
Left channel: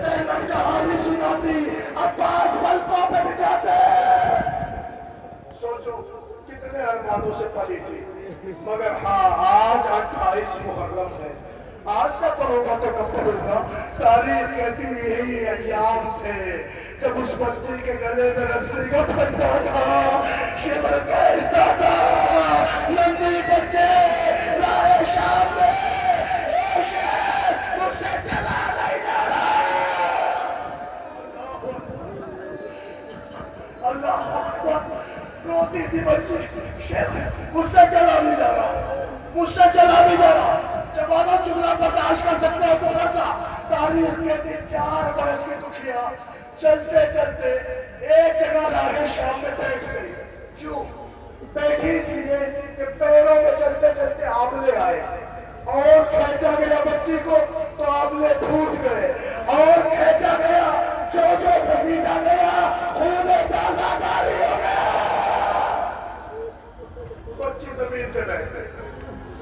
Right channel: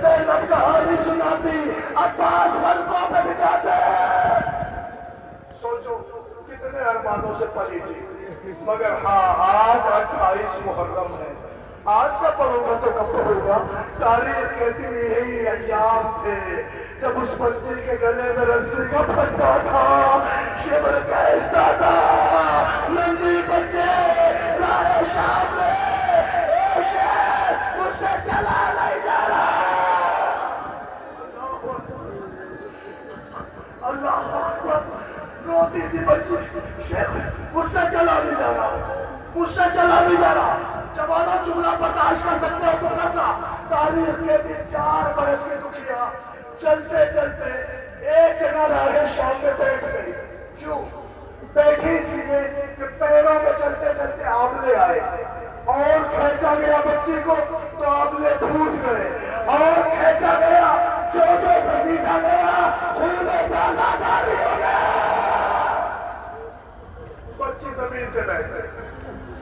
زینب کہانی سناتی، عباس ملکوں پہ بٹھاتے۔ سوچو کتنے ارمانوں سے پلی تھی، مگر ہاں آج 28 محرم ہے۔ آج کا پڑھوں گا تو کب پڑھوں گا؟ تاریخ کہتی یہی ایام تھے جب اس بچے کے گلے میں رسی کا پھندا تھا، شبر کہتا تھا نندی بچے رائے شام میں اے شہر مجھ سے چلا نہیں جا رہا۔ اللہ اکبر، روتی تھی بچی، شہر مجھ سے چلا نہیں جا رہا، مجھ سے چلا نہیں جا رہا۔ جوانوں جملہ برداشت کر سکتے ہو تو رکھا۔ تاریخ کے دن 4 برس کی دکھیا چلتے چلتے ایک جگہ راہ شام میں بیٹھ گئی۔ کیوں بیٹھی اس لیے کہ پیروں میں چلتے چلتے آبلے آئے اور کھینچا گیا بچی کو تو آبلے پھوٹ گئے، اور کھینچا گیا جو گھسیٹا گیا خون تازہ جاری ہو گیا۔ بچی زمین پہ بیٹھ گئی،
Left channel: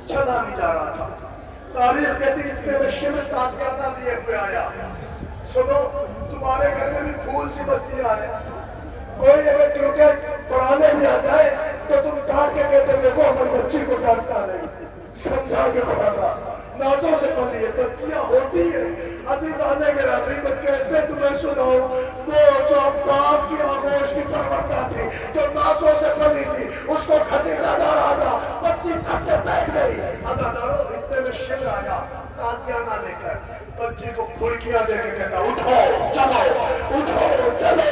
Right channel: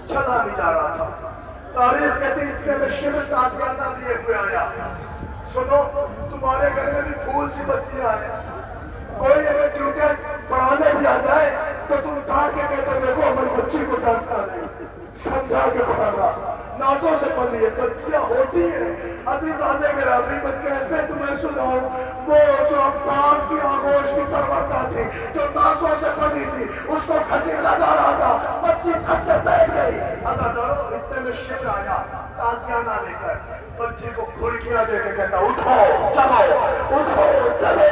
چلا نہیں جا رہا تھا۔ تاریخ کہتی اتنے میں شبر تازیانہ لیے ہوئے آیا۔ سنو، تمہارے گھر میں بھی پھول سی بچیاں ہیں، کوئی اگر ٹیوٹر پڑھانے بھی آ جائے تو تم ڈانٹ کے کہتے دیکھو ہماری بچی کو ڈانٹنا نہیں، سمجھا کے پڑھانا۔ نازوں سے پلی ہے، بچیاں ہوتی ہیں۔ عزیزان گرامی میں کیسے تمہیں سناؤں، وہ جو عباس کی آغوش کی پروردہ تھی، جو نازوں سے پلی تھی، اس کو گھسیٹا جا رہا تھا، بچی تھک کے بیٹھ گئی۔ عزیزانو اتنے میں شمر آیا تازیانہ لے کر، بچی کو پھلکیاں دے کے کہتا اٹھو چلو، اٹھو چلو،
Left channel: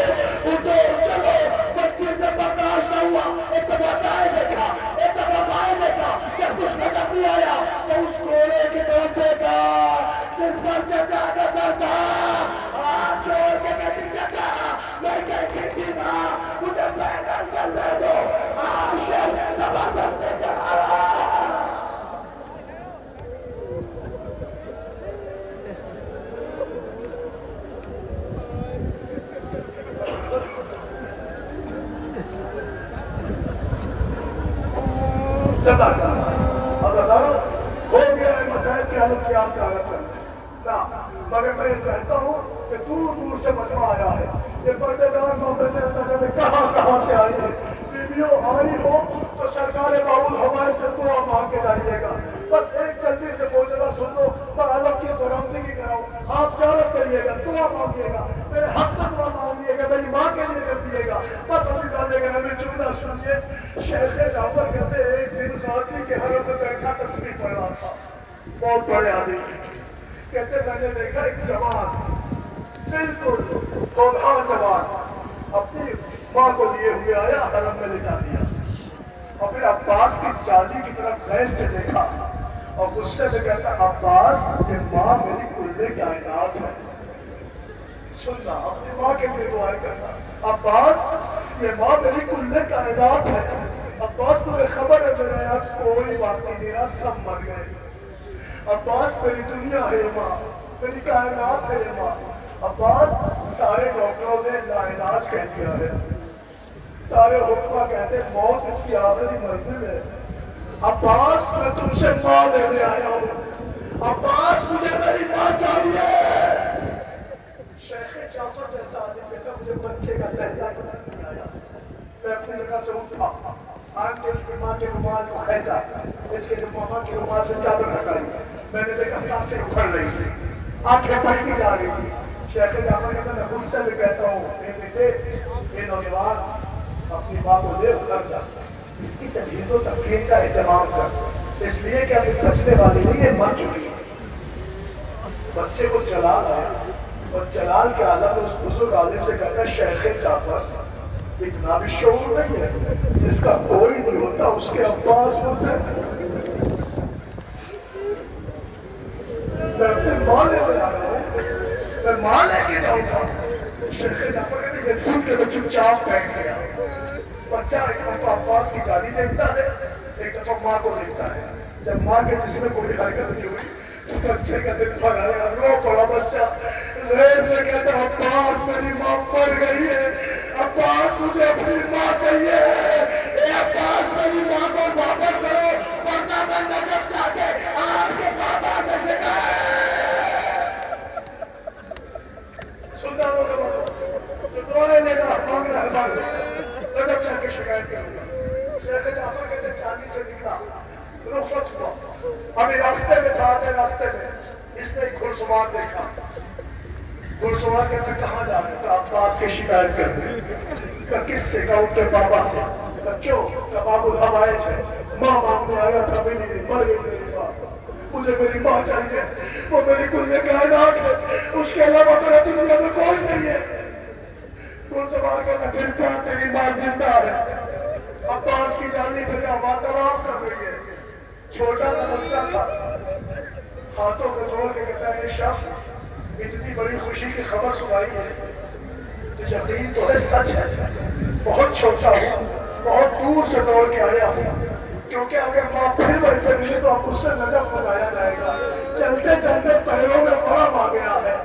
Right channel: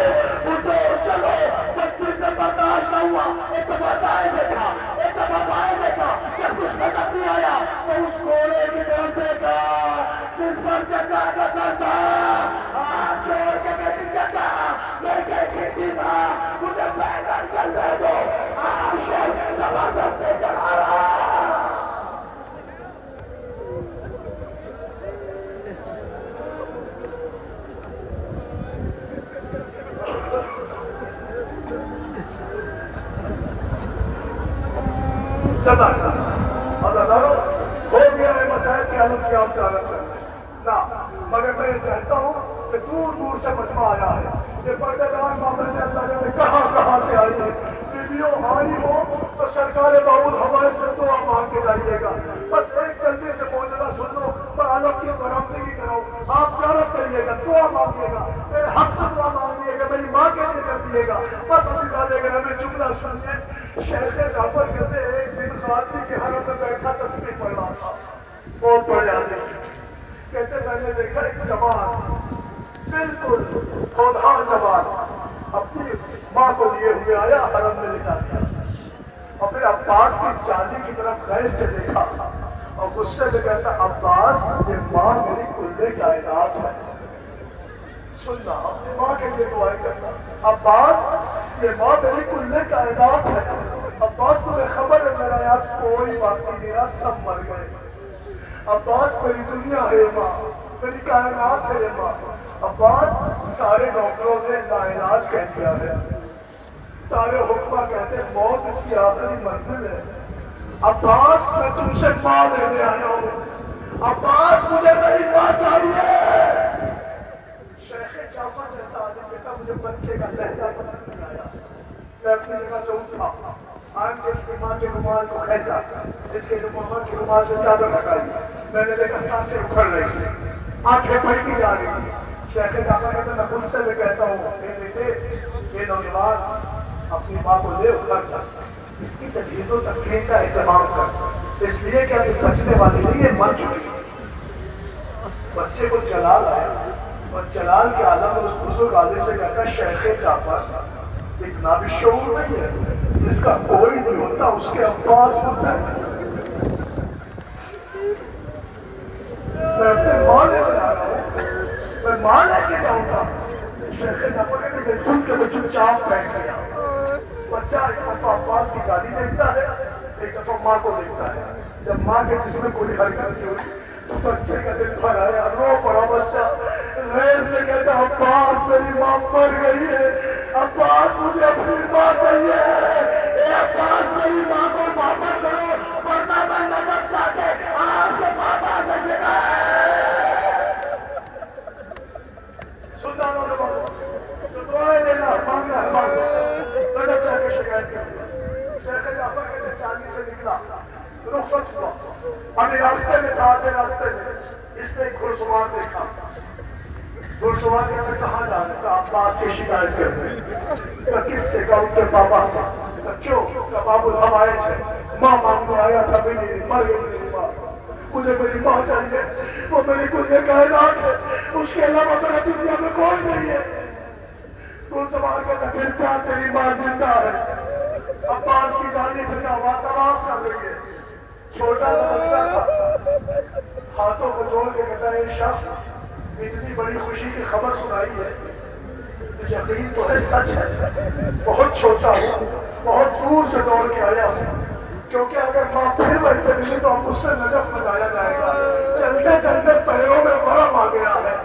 اٹھو چلو۔ بچی سے برداشت نہ ہوا، ایک دفعہ دائیں دیکھا، ایک دفعہ بائیں دیکھا، جب کچھ نظر نہیں آیا تو اس گھوڑے کی طرف دیکھا جس پر چچا کا سر تھا، ہاتھ چھوڑ کے کہتی چچا میں دیکھی تھی نا، مجھے پیدل چلنے دو، آپ شر زبردستی چلا رہا۔ ہو گیا ہے مسائل کی حالت کی آپ جانت کرنا، مگر میں یہ چاہتا ہوں کہ دور دور سے مجمع آیا ہے، یہ پردے دار محمد اللہ جانے کہاں سے آئی ہے، بیویوں آئی ہو تو سرکار باول ہمارے سے دعا مانگ کے جائیے گا، بس ایک جلدی سے موجودہ سن لو، پر عالم کی برآمدگی کراؤ، آپ زیارت کریے گا، دعا مانگیے گا، میرے حق سے دعا مانگیے گا، میری ماں کے لیے کر دیے گا، بس عزیزان گرامی جملہ سنیے۔ شیخ جعفر کہتے ہیں ایک دن قاضی کے حرم میں بیٹھا تسبیح پڑھ رہا تھا، بہت بڑے آدمی، کہتے میں نے دیکھا ایک جوان بالکل ہونہار جوان اپنی ماں کو لیے ہوئے آیا، حرم میں لٹا دیا، اور پھر عباس کی چالی کی طرف غیر سے دیکھا اور غصے سے کہتا عباس یہ ماں میری کل کائنات ہے، سننا اپنی ماں کے لیے دعائیں کرنا، عباس یہ ماں میری کل کائنات ہے، عباس تمہیں خبر ہے میرا یاد کوئی باقی نہیں رہا، سب مر گئے، عباس میری دنیا ہے ماں، میری کائنات ہے ماں، عباس سارے ڈاکٹروں نے لاعلاج کہہ دیا ہے، سارے حکمہ کہتے ہیں موت اس کی آخری منزل ہے، عباس میں تم سے ماں لینے آیا ہوں، عباس مجھے میری ماں چاہیے۔ شیخ جعفر جیسا آدمی کہتا مجھے بچے کا لہجہ پسند نہیں آیا، میں اپنی جگہ سے اٹھا، آن کے اس کی ماں کے رومال کو کھینچا، اس کے ماں کے رومال سے چادر ہٹائی، میں نے دیکھا سانسیں اکھڑ رہی تھی، آنکھیں پھٹتی جا رہی تھی۔ شیخ جعفر کہتا میں خود سے بھی کہتا ہوں اے بیٹے یہ نوجوان اپنی ماں کو لے اکھڑ جا، اس کی تجہیز و تکفین کا اہتمام کر، اس لیے کہ ابھی بچنے والی نہیں یہ مر چکی، بچے کو جلال ہے اور جلال کے عالم اس بزرگ عالم سے کہتا ہے شیخ جعفر اتنا بھی شعور نہیں ہے، جس کا کوئی نہیں ہوتا اس کے عباس ہوتا ہے، میں اپنے ماں لے کے آیا ہوں، میں ماں لے کے جاؤں گا۔ شیخ جعفر کہتے ہیں یہ سن کے میں چپ چاپ بیٹھ گیا، بچہ ایک دفعہ عباس کی جالی دیکھتا ہے، ایک دفعہ ماں کو دیکھتا ہے، جب ماں کے جس میں کوئی حرکت نہیں ہوئی تو بچے کا دل بھر آیا، رو پڑا بچہ، ریز میں کہتا عباس میری ماں مر گئی ہے، عباس مجھے اپنی ماں چاہیے، اے عباس میری ماں کو واپس کرو ورنہ میں نجف جا کے آپ کے پاپا سے شکایت۔ سلطانوں نے تو دعائیں لینا مانگنا ہمارے نجف جا کے شکایت کرتے ہیں۔ شیخ جعفر کہتے ہیں چاندی سے نکلا، رخصت ہوا، ابھی راستے میں تھا، راستے میں اس نے ایک گھڑ سوار دیکھا، گھڑ سوار کہتا کہاں جا رہا تھا، عباس کی شکایت کرتے، کہا کس سے، کہا ان کے پاپا سے، کہا کیوں، کہا بابو ہم آئے تھے، ماں مانگنے آیا تھا، میری مر گئی میری ماں، مجھے میری ماں چاہیے، وہ میری کل کائنات ہے، اس کے علاوہ میرا دنیا میں کوئی نہیں ہے۔ گھڑ سوار کہتا پھر کیا تیری ماں زندہ ہے، عباس کی جانی پھر ہوا طواف کر رہی ہے، چھوٹا سا بچہ تھا، ہاتھوں کو جوڑ کے کہتا ہے یہ شخص اتنی بڑی خوشی کی خبر سنائی ہے تو یقین تو ہے سچ ہے، بہت چھوٹا ہوں، بہت دور سے دوڑ کے آیا ہوں، کیونکہ اگر ماں پھر ویسے ملے تو مجھ سے نجف بجایا جائے گا، چلتے چلتے پیروں میں ورم آ گیا ہے۔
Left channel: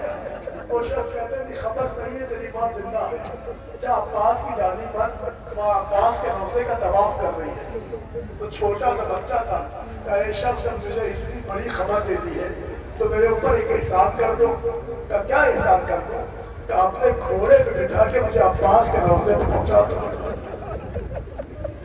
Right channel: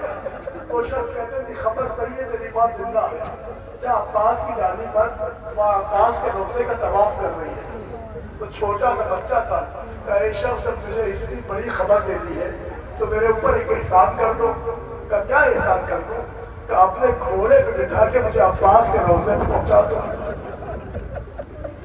وہ شخص کہتے ہیں کہ خبر صحیح ہے تیری ماں زندہ ہے، کیا عباس کی جانی پر وہ عباس کے روزے کا طواف کر رہی ہے، تو چھوٹا سا بچہ تھا، کہ ایک شخص جب مجھے اتنی بڑی خبر دیتی ہے تو میرے اوپر ایک احسان کر دو، کہ کیا احسان کر دو، کہ اپنے گھوڑے پہ بٹھا کے مجھے عباس کے روزے پہ پہنچا دو،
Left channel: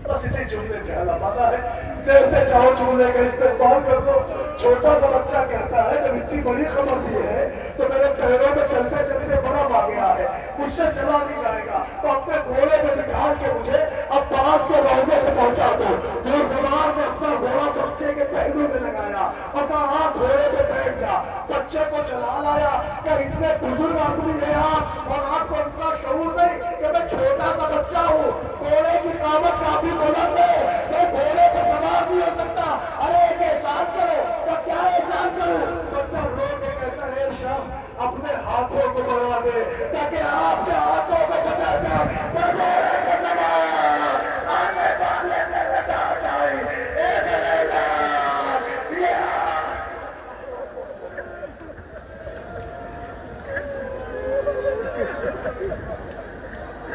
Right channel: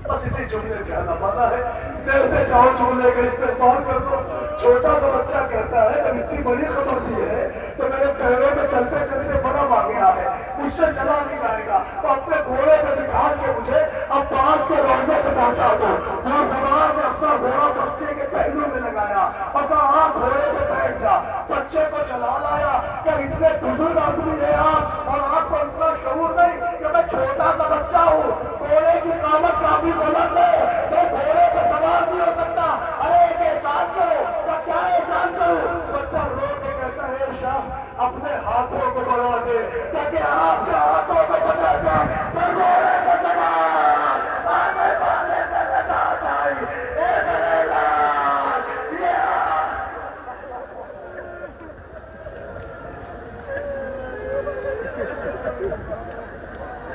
بس اسی جملے پہ حل بنا ہے، جیسے چاہو جملے کا استعمال کر دو، چھوٹا سا بچہ کہتا ہے جب اتنی بڑی خبر دی ہے تو میرے پیروں میں چلتے چلتے برف آ گیا ہے، مجھ سے چلا نہیں جائے گا، تو اپنے گھوڑے پہ بٹھا کے مجھے اب پاس سے روزے پہ پہنچا دو۔ اور سوار نے اپنا گھوڑا بچے کے پہلو میں لگایا اور کہا ہاں گھوڑے پہ بیٹھ جا۔ بچے کو چلا لایا کہ اتنے بزرگ آدمی ہیں آپ اور آپ کو اتنا شعور نہیں کہ میں چھوٹا سا بچہ ہوں، گھوڑے کی قامت کافی بلند ہے، میں گھوڑے پہ سوار نہیں ہو سکتا۔ ارے ایک احسان کرو۔ تو کیا احسان کروں؟ بچہ رو کے کہتا ہے شاہ اپنے ہاتھوں کو بڑھا دے تاکہ آپ کے ہاتھوں کو بتا دے میں گھوڑے کے سوار آنے والے میرے ساتھ آئی اے میرے لال یا